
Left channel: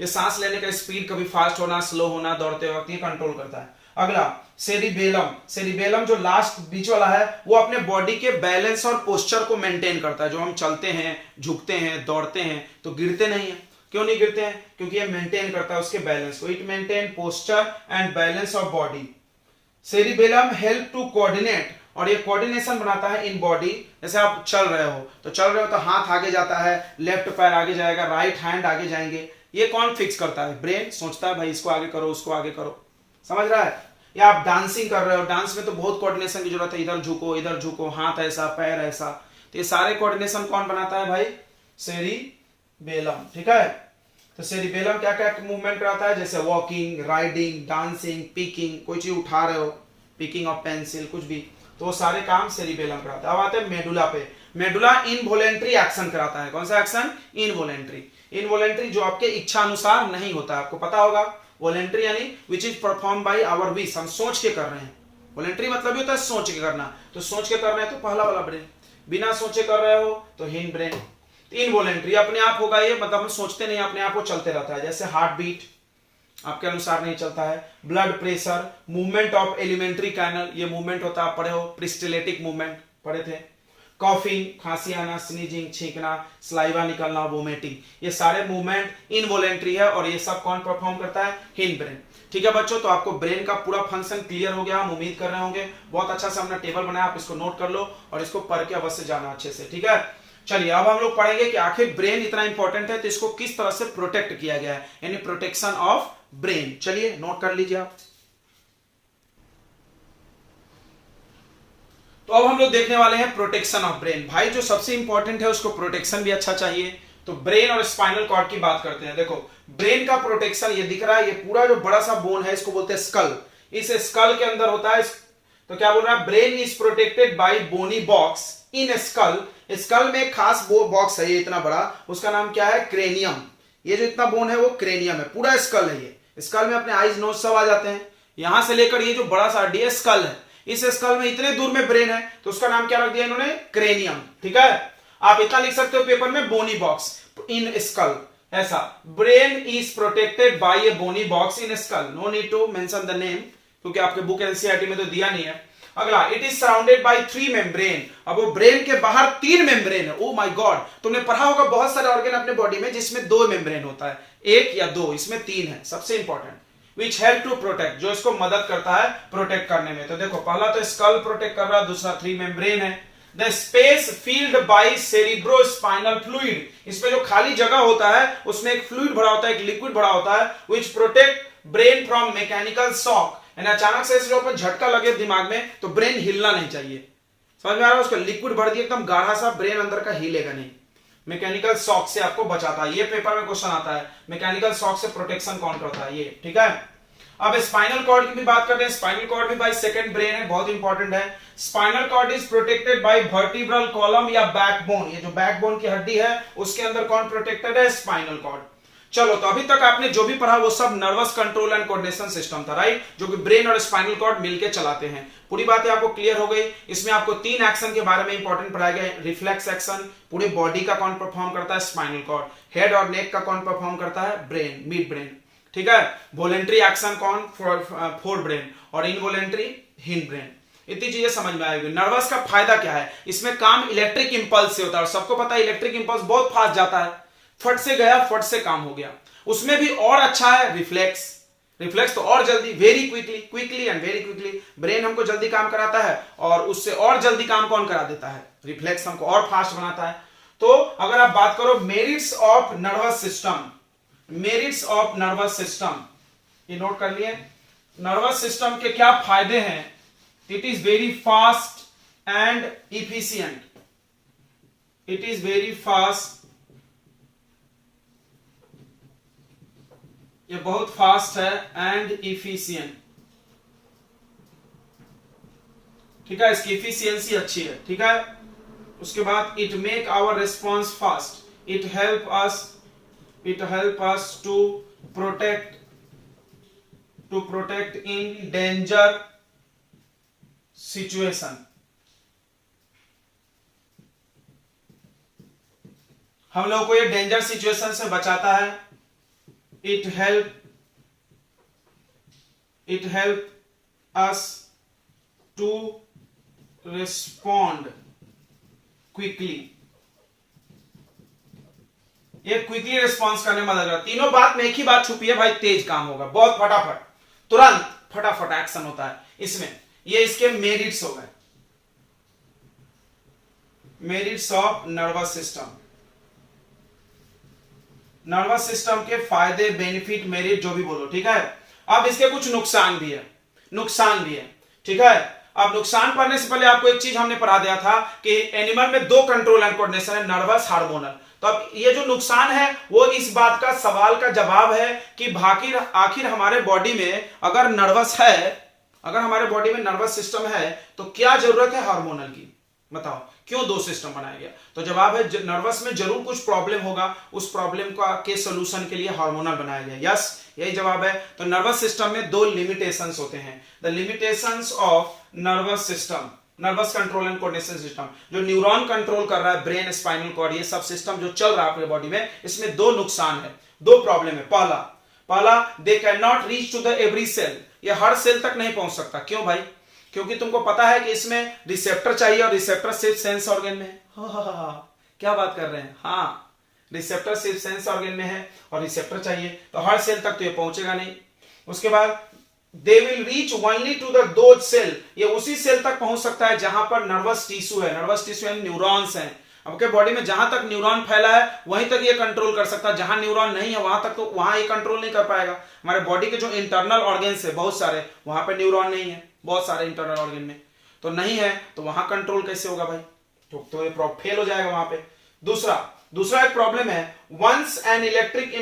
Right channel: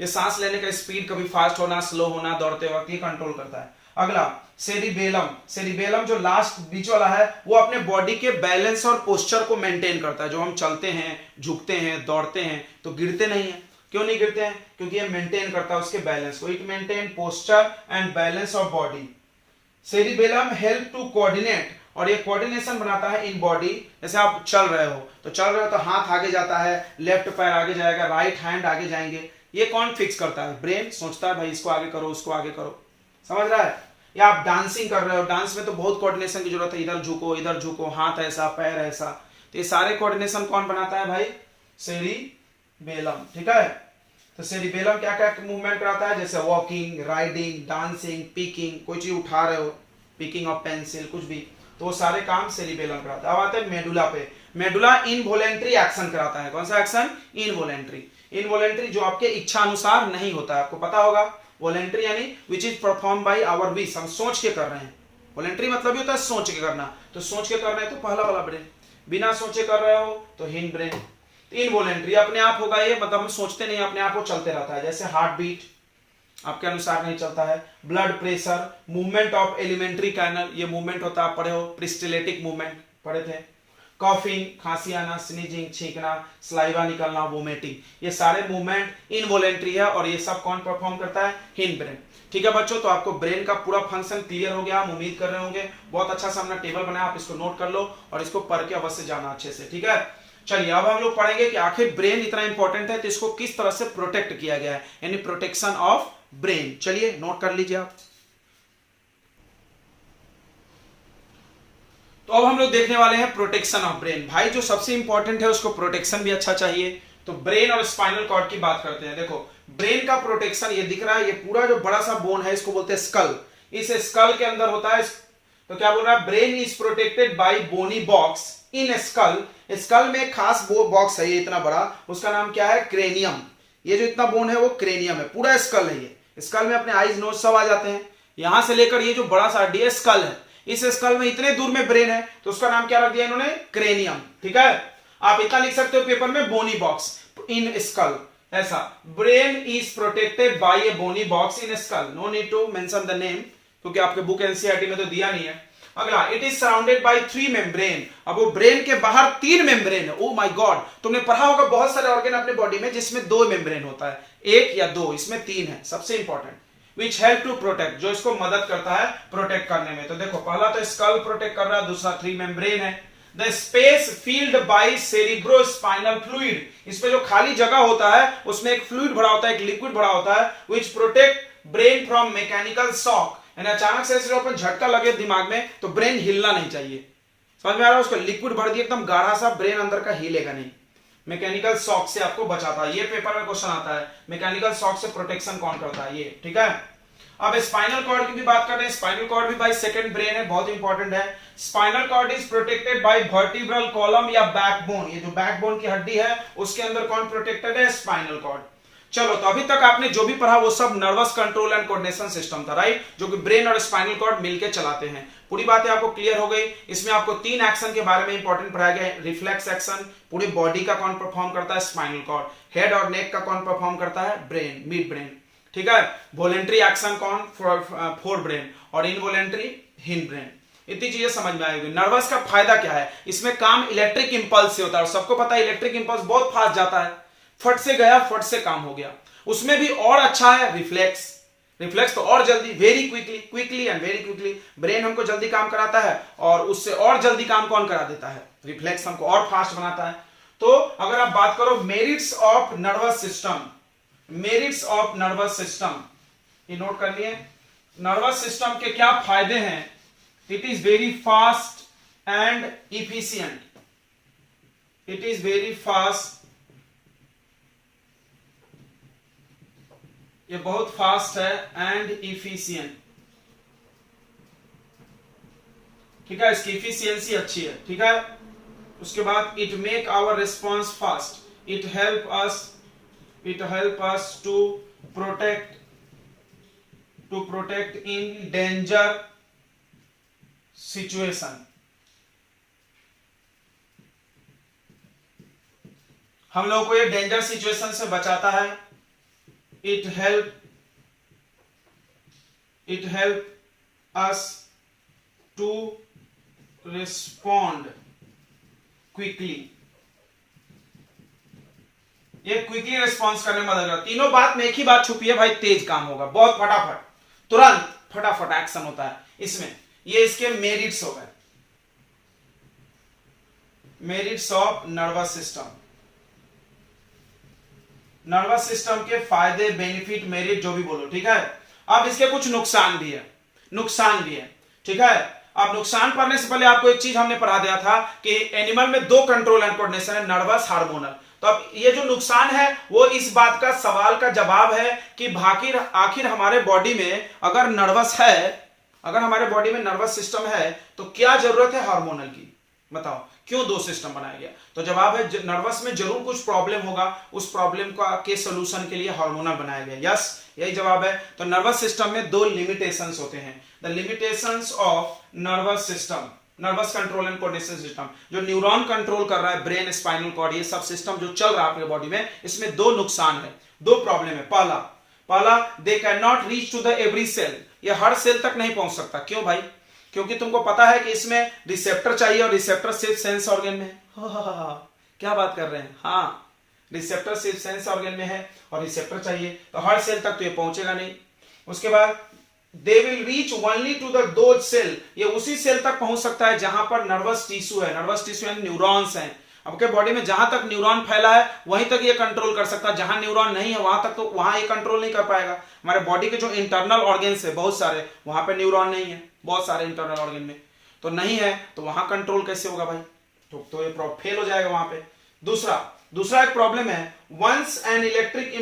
ये सांस लेने का स्पीड, कभी फास्ट होना, स्लो होना, दौड़ते वक्त, ये कंट्रोल करता है। अगला, सेरिबेलम जो लास्ट बीच वाला है, वो अपने बॉडी के बैलेंस और पोस्चर को मेंटेन करता है। जो हम चलते हैं, झुकते हैं, दौड़ते हैं तो गिरते नहीं है। क्यों नहीं गिरते हैं? क्योंकि ये मेंटेन करता है उसके बैलेंस को। It maintain posture and balance of body. Cerebellum help to coordinate, और ये कोऑर्डिनेशन बनाता है इन बॉडी। जैसे आप चल रहे हो तो हाथ आगे जाता है, लेफ्ट पैर आगे जाएगा, राइट हैंड आगे जाएंगे। ये कौन फिक्स करता है? ब्रेन सोचता है भाई इसको आगे करो, उसको आगे करो, समझ रहा है? या आप डांसिंग कर रहे हो, डांस में तो बहुत कोऑर्डिनेशन की जरूरत है, इधर झुको, हाथ ऐसा, पैर ऐसा, तो ये सारे कोऑर्डिनेशन कौन बनाता है भाई? सेरिबेलम। ठीक है, तो सेरिबेलम क्या क्या मूवमेंट कराता है? जैसे वॉकिंग, राइडिंग, डांसिंग, पिकिंग, कोई चीज उठा रहे हो, पिकिंग ऑफ पेंसिल, कुछ भी, तो वो सारे काम सेरिबेलम कराता है। अब आते हैं मेडुला पे। मेडुला इनवॉलेंट्री एक्शन कराता है। कौन सा एक्शन? इनवॉलेंट्री। इनवॉलेंट्री जो आपके इच्छा अनुसार नहीं होता है, आपको पता होगा। वॉलेंट्री यानी which is perform by our wish, हम सोच के कर रहे हैं। वॉलेंट्री मतलब ये होता है सोच के करना, तो सोच के कर रहे हैं तो पहला वाला ब्रेन, बिना सोचे कर रहे हो तो हिंड ब्रेन। इनवॉलेंट्री अपने आप होगा ये, मतलब हम सोचते नहीं, अपने आप वो चलते रहता है, जैसे हार्ट बीट आपके अनुसार नहीं चलता है। Blood pressure, movement of alimentary canal, ये मूवमेंट होता है, आप पढ़े हो, प्रिस्टिलेटिक मूवमेंट पढ़े थे। कॉफिंग, खांसी आना, स्नीजिंग, छींकना, स्लाइवा निकलना, वोमिटिंग, ये सारे मूवमेंट इनवॉलेंट्री है और ये सब कौन परफॉर्म करता है? Hind brain. ठीक है बच्चों, तो आपको ब्रेन का पूरा फंक्शन क्लियर हो गया, हम उम्मीद कर रहे होंगे। बहुत अच्छा सा हमने टेबल बनाया, आप इसको नोट कर लो और इसको पढ़ के अवश्य जाना अच्छे से। ठीक है, चलिए अब हम लोग पढ़ेंगे कि आखिर ब्रेन इतना इंपॉर्टेंट है तो इसको किस तरह से प्रोटेक्ट किया गया है, यानी प्रोटेक्शन ऑफ ब्रेन। चलिए नोट कर लीजिए आप। तो अब हम लोग देखने वाले हैं प्रोटेक्शन ऑफ ब्रेन। भाई जो सबसे इंपॉर्टेंट है उसको प्रोटेक्शन भी अच्छा चाहिए, तो ब्रेन और स्पाइनल कॉर्ड की बात करते हैं। देखो ब्रेन का प्रोटेक्शन, ये दिख रहा है, ये पूरा जो बड़ा सा बोन है इसको बोलते हैं स्कल। इस स्कल के अंदर होता है, तो क्या बोल रहा है? Brain is protected by bony box in skull. Skull में एक खास बॉक्स है, ये इतना बड़ा, उसका नाम क्या है? क्रेनियम। ये जो इतना बोन है वो क्रेनियम है, पूरा स्कल है ये। स्कल में अपने आईज नोज सब आ जाते हैं, यहां से लेकर ये जो बड़ा सा हड्डी है स्कल है, इस स्कल में इतने दूर में ब्रेन है, तो उसका नाम क्या रख दिया इन्होंने? क्रेनियम। ठीक है, आप इतना लिख सकते हो पेपर में, बोनी बॉक्स इन स्कल, ऐसा। Brain is protected by a bony box in skull, no need to mention the name, क्योंकि आपके बुक एनसीईआरटी में तो दिया नहीं है। अगला, it is surrounded by 3 membrane. अब वो ब्रेन के बाहर 3 मेम्ब्रेन है। ओ माय गॉड, तुमने पढ़ा होगा बहुत सारे ऑर्गन अपने बॉडी में जिसमें 2 मेम्ब्रेन होता है, 1 या 2, इसमें 3 है, सबसे important. Which help to protect, जो इसको मदद करता है प्रोटेक्ट करने में। तो देखो पहला तो स्कल प्रोटेक्ट कर रहा है, दूसरा 3 मेम्ब्रेन है। The space filled by cerebrospinal fluid, इसमें जो खाली जगह होता है उसमें एक फ्लूइड भरा होता है, एक लिक्विड भरा होता है, विच protect brain from mechanical shock. अचानक से इसके ऊपर झटका लगे दिमाग में तो ब्रेन हिलना नहीं चाहिए, समझ में आ रहा है? उसको लिक्विड भर दिया एकदम गाढ़ा सा, ब्रेन अंदर का हिलेगा नहीं। मैकेनिकल शॉक से आपको बचाता है, ये पेपर में क्वेश्चन आता है, मैकेनिकल शॉक से प्रोटेक्शन कौन करता है ये। ठीक है, अब स्पाइनल कॉर्ड की भी बात करते हैं। स्पाइनल कॉर्ड भी भाई सेकंड ब्रेन है, बहुत इंपॉर्टेंट है। Spinal cord is protected by vertebral column या बैकबोन, ये जो बैकबोन की हड्डी है उसके अंदर कौन प्रोटेक्टेड है? Spinal cord. चलो, तो अभी तक आपने जो भी पढ़ा वो सब nervous control and coordination system था, राइट, जो कि ब्रेन और स्पाइनल कॉर्ड मिलकर चलाते हैं। पूरी बातें आपको क्लियर हो गई। इसमें आपको 3 एक्शन के बारे में इंपॉर्टेंट पढ़ाया गया है। रिफ्लेक्स एक्शन पूरे बॉडी का कौन परफॉर्म करता है? Spinal cord. हेड और नेक का कौन परफॉर्म करता है? Brain, mid brain. ठीक है, वॉलेंट्री एक्शन कौन? फोर ब्रेन, और इनवॉलेंट्री हिंड ब्रेन। इतनी चीजें समझ में आएगी। नर्वस का फायदा क्या है? इसमें काम इलेक्ट्रिक इंपल्स से होता है, और सबको पता है इलेक्ट्रिक इंपल्स बहुत फास्ट जाता है, फट से गया, फट से काम हो गया। उसमें भी और अच्छा है रिफ्लेक्स, रिफ्लेक्स तो और जल्दी, very quickly and very quickly brain हमको जल्दी काम कराता है, और उससे और जल्दी काम कौन करा देता है? रिफ्लेक्स हमको और फास्ट बनाता है। तो अगर आप बात करो merits of nervous system, merits of nervous system, ये नोट कर लिए। नर्वस सिस्टम के क्या फायदे हैं? It is very fast and efficient, it is very fast, ये बहुत फास्ट है, एंड इफिशियंट। ठीक है, इसकी इफिशियंसी अच्छी है। ठीक है, उसके बाद it make our response fast, it help us to protect in danger situation. हम लोगों को ये डेंजर सिचुएशन से बचाता है। It help us to respond quickly, ये क्विकली रिस्पॉन्स करने में मदद करता है। तीनों बात में एक ही बात छुपी है भाई, तेज काम होगा, बहुत फटाफट, तुरंत फटाफट एक्शन होता है इसमें। ये इसके मेरिट्स हो गए, merits of nervous system. Nervous system के फायदे, बेनिफिट, मेरिट, जो भी बोलो। ठीक है, अब इसके कुछ नुकसान भी है, नुकसान भी है। ठीक है, अब नुकसान पढ़ने से पहले आपको एक चीज हमने पढ़ा दिया था कि एनिमल में 2 कंट्रोल एंड कोऑर्डिनेशन है, नर्वस, हार्मोनल। तो अब ये जो नुकसान है वो इस बात का सवाल का जवाब है कि आखिर हमारे बॉडी में अगर नर्वस है, अगर हमारे बॉडी में नर्वस सिस्टम है तो क्या जरूरत है हार्मोनल की? बताओ, क्यों दो सिस्टम बनाया गया? तो जवाब है नर्वस में जरूर कुछ प्रॉब्लम होगा, उस प्रॉब्लम का के सोल्यूशन के लिए हार्मोनल बनाया गया। यस, यही जवाब है। तो नर्वस सिस्टम में दो लिमिटेशंस होते हैं। The limitations of nervous system, nervous control and coordination system, जो न्यूरॉन कंट्रोल कर रहा है, ब्रेन, स्पाइनल कॉर्ड, ये सब सिस्टम जो चल रहा है आपके बॉडी में, इसमें दो नुकसान है, दो प्रॉब्लम है। पहला they can not reach to the every cell, ये हर सेल तक नहीं पहुंच सकता। क्यों भाई? क्योंकि तुमको पता है कि इसमें रिसेप्टर चाहिए और रिसेप्टर सिर्फ सेंस ऑर्गन में है। क्या बात कर रहे हैं? हाँ, रिसेप्टर सिर्फ सेंस ऑर्गन में है और रिसेप्टर चाहिए, तो हर सेल तक तो ये पहुंचेगा नहीं। उसके बाद they will reach only to the those cell, ये उसी सेल तक पहुंच सकता है जहां पर नर्वस टिश्यू है। नर्वस टिश्यू यानी न्यूरॉन्स हैं। आपके बॉडी में जहां तक न्यूरॉन फैला है वहीं तक ये कंट्रोल कर सकता है, जहां न्यूरॉन नहीं है वहां तक तो वहां ये कंट्रोल नहीं कर पाएगा। हमारे बॉडी के जो इंटरनल ऑर्गन्स है बहुत सारे, वहां पे न्यूरॉन नहीं है, बहुत सारे इंटरनल ऑर्गन में तो नहीं है, तो वहां कंट्रोल कैसे होगा भाई? तो ये फेल हो जाएगा वहां पे। दूसरा एक प्रॉब्लम है, once an electric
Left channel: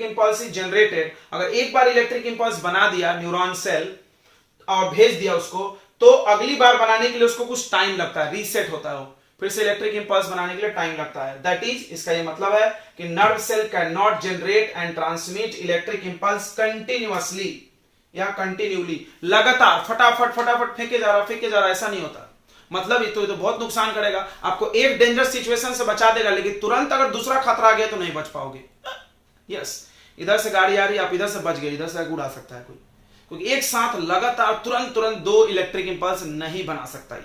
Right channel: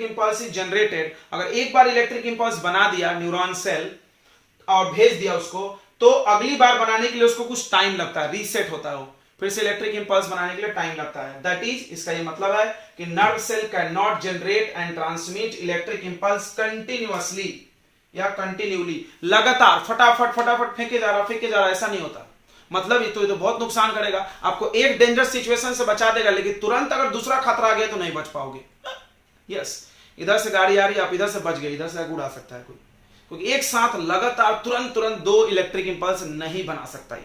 impulse is generated, अगर एक बार इलेक्ट्रिक इंपल्स बना दिया न्यूरॉन सेल और भेज दिया उसको, तो अगली बार बनाने के लिए उसको कुछ टाइम लगता है, रीसेट होता है वो, फिर से इलेक्ट्रिक इंपल्स बनाने के लिए टाइम लगता है। दैट इज, इसका ये मतलब है कि nerve cell can not generate and transmit electric impulse continuously या कंटिन्यूली, लगातार फटाफट फेंके जा रहा, ऐसा नहीं होता। मतलब ये तो बहुत नुकसान करेगा आपको, एक डेंजरस सिचुएशन से बचा देगा, लेकिन तुरंत अगर दूसरा खतरा आ गया तो नहीं बच पाओगे। यस, इधर से गाड़ी आ रही, आप इधर से बच गए, इधर से उड़ा सकता है कोई, क्योंकि एक साथ लगातार तुरंत दो इलेक्ट्रिक इंपल्स नहीं बना सकता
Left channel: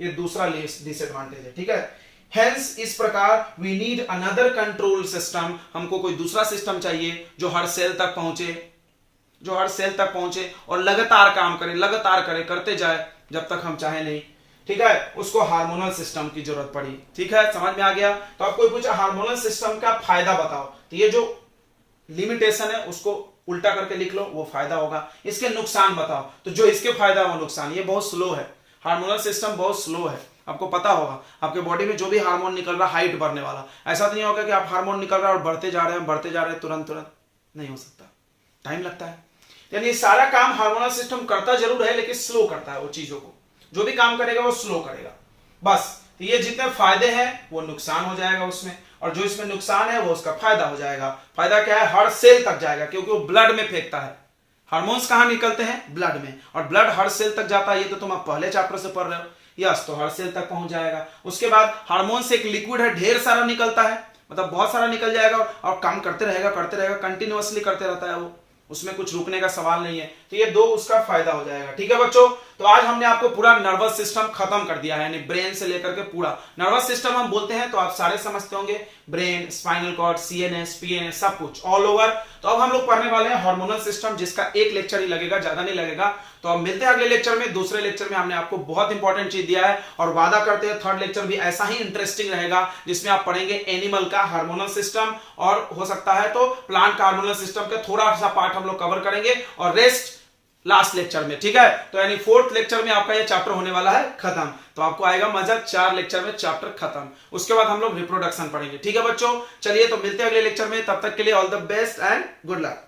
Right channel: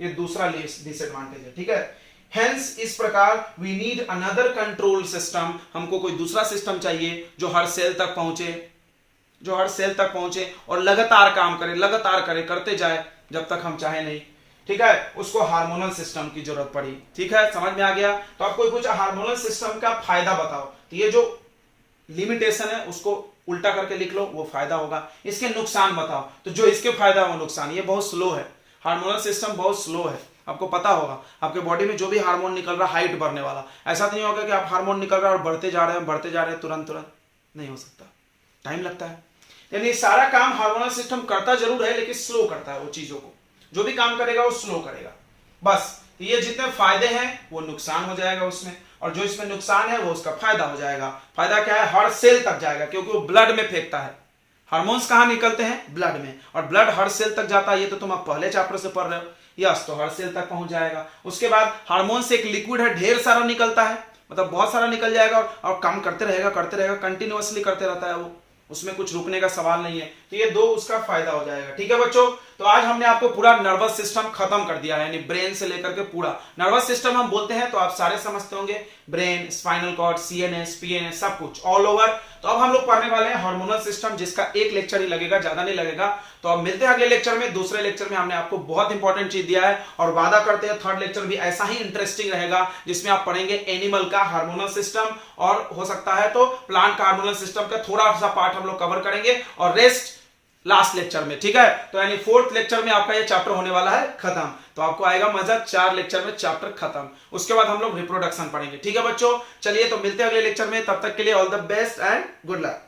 ये दूसरा डिसएडवांटेज है। ठीक है, हेंस इस प्रकार we need another control system, हमको कोई दूसरा सिस्टम चाहिए जो हर सेल तक पहुंचे और लगातार काम करे, करते जाए जब तक हम चाहे नहीं। ठीक है, उसको हार्मोनल सिस्टम की जरूरत पड़ी। ठीक है, समझ में आ गया? तो आप कोई पूछा हार्मोनल सिस्टम का फायदा बताओ, तो ये जो लिमिटेशन है उसको उल्टा करके लिख लो, वो फायदा होगा। इसके नुकसान बताओ, तो जो इसके फायदा है वो नुकसान। ये बहुत स्लो है, हार्मोनल सिस्टम बहुत स्लो है। आपको पता होगा आपके बॉडी में जो भी हार्मोन निकल रहा है हाइट बढ़ने वाला, ऐसा तो नहीं होगा कि आप हार्मोन निकल रहा है और बढ़ते जा रहे हैं तुरंत नहीं हो सकता, टाइम लगता है। यानी सारा काम हार्मोनल सिस्टम करता जरूर है, लेकिन स्लो करता है वो चीजों को, जो भी काम करेगा वो स्लो करेगा। बस, तो ये जितने फायदे हैं वो नुकसान हो जाएगा उसमें, और जो इसमें नुकसान है वो उसका फायदा हो जाएगा। फायदा क्या है? हर सेल तक जाएगा, क्योंकि वो ब्लड में फेंकता है। हार्मोन्स कहां निकलते हैं? ब्लड में, और ब्लड हर सेल तक जाता है, ये तो तुम आप पहले चैप्टर से पढ़ रहे हो। यस, तो हर सेल तक पहुंच जाएगा। उसके बाद हार्मोन से एक लिक्विड है, ढेर सारा निकलता है, मतलब बहुत सारा निकल जाएगा और काम करते रहेगा, कंटिन्यूअसली करते रहता है वो, उसमें कुछ रुकने का सवाल नहीं है। तो ये दो उसका फायदा हो जाएगा। ठीक है बच्चों, तो आज हमने आपको पूरा नर्वस सिस्टम खत्म कर दिया है, यानी ब्रेन से लेकर के पूरा नर्वस सिस्टम हम बोलते हैं तो आप सारे समझते होंगे, brain, spinal cord, CNS, PNS, सब कुछ ऑल ओवर। तो अब हम लोग पढ़ने वाले हैं हार्मोनल सिस्टम, जिसका एक लेक्चर ही लगेगा, ज्यादा नहीं लगेगा। तो अब मिलते हैं अगले लेक्चर में। दूसरे लेक्चर में हमने आपको बहुत इंपॉर्टेंट चीज दिया है, और वादा करते हैं थर्ड लेक्चर भी ऐसा ही इंटरेस्टिंग रहेगा, जिसमें आप पढ़ेंगे एनिमल का हार्मोनल सिस्टम, और हो सकता है तो प्लांट का हार्मोनल सिस्टम का थोड़ा सा पार्ट हम लोग कवर करेंगे, और रेस्ट लास्ट लेक्चर में। ठीक है, तो यानी फोर्थ लेक्चर में आपका ये चैप्टर होने वाला है खत्म। तो आपको आएगा मजा, 4 लेक्चर में चैप्टर खत्म। उसके बाद हम लोग रिप्रोडक्शन पढ़ेंगे। ठीक है बच्चों, चलिए तो मिलते हैं अगले लेक्चर में, तब तक के लिए all the best and good luck.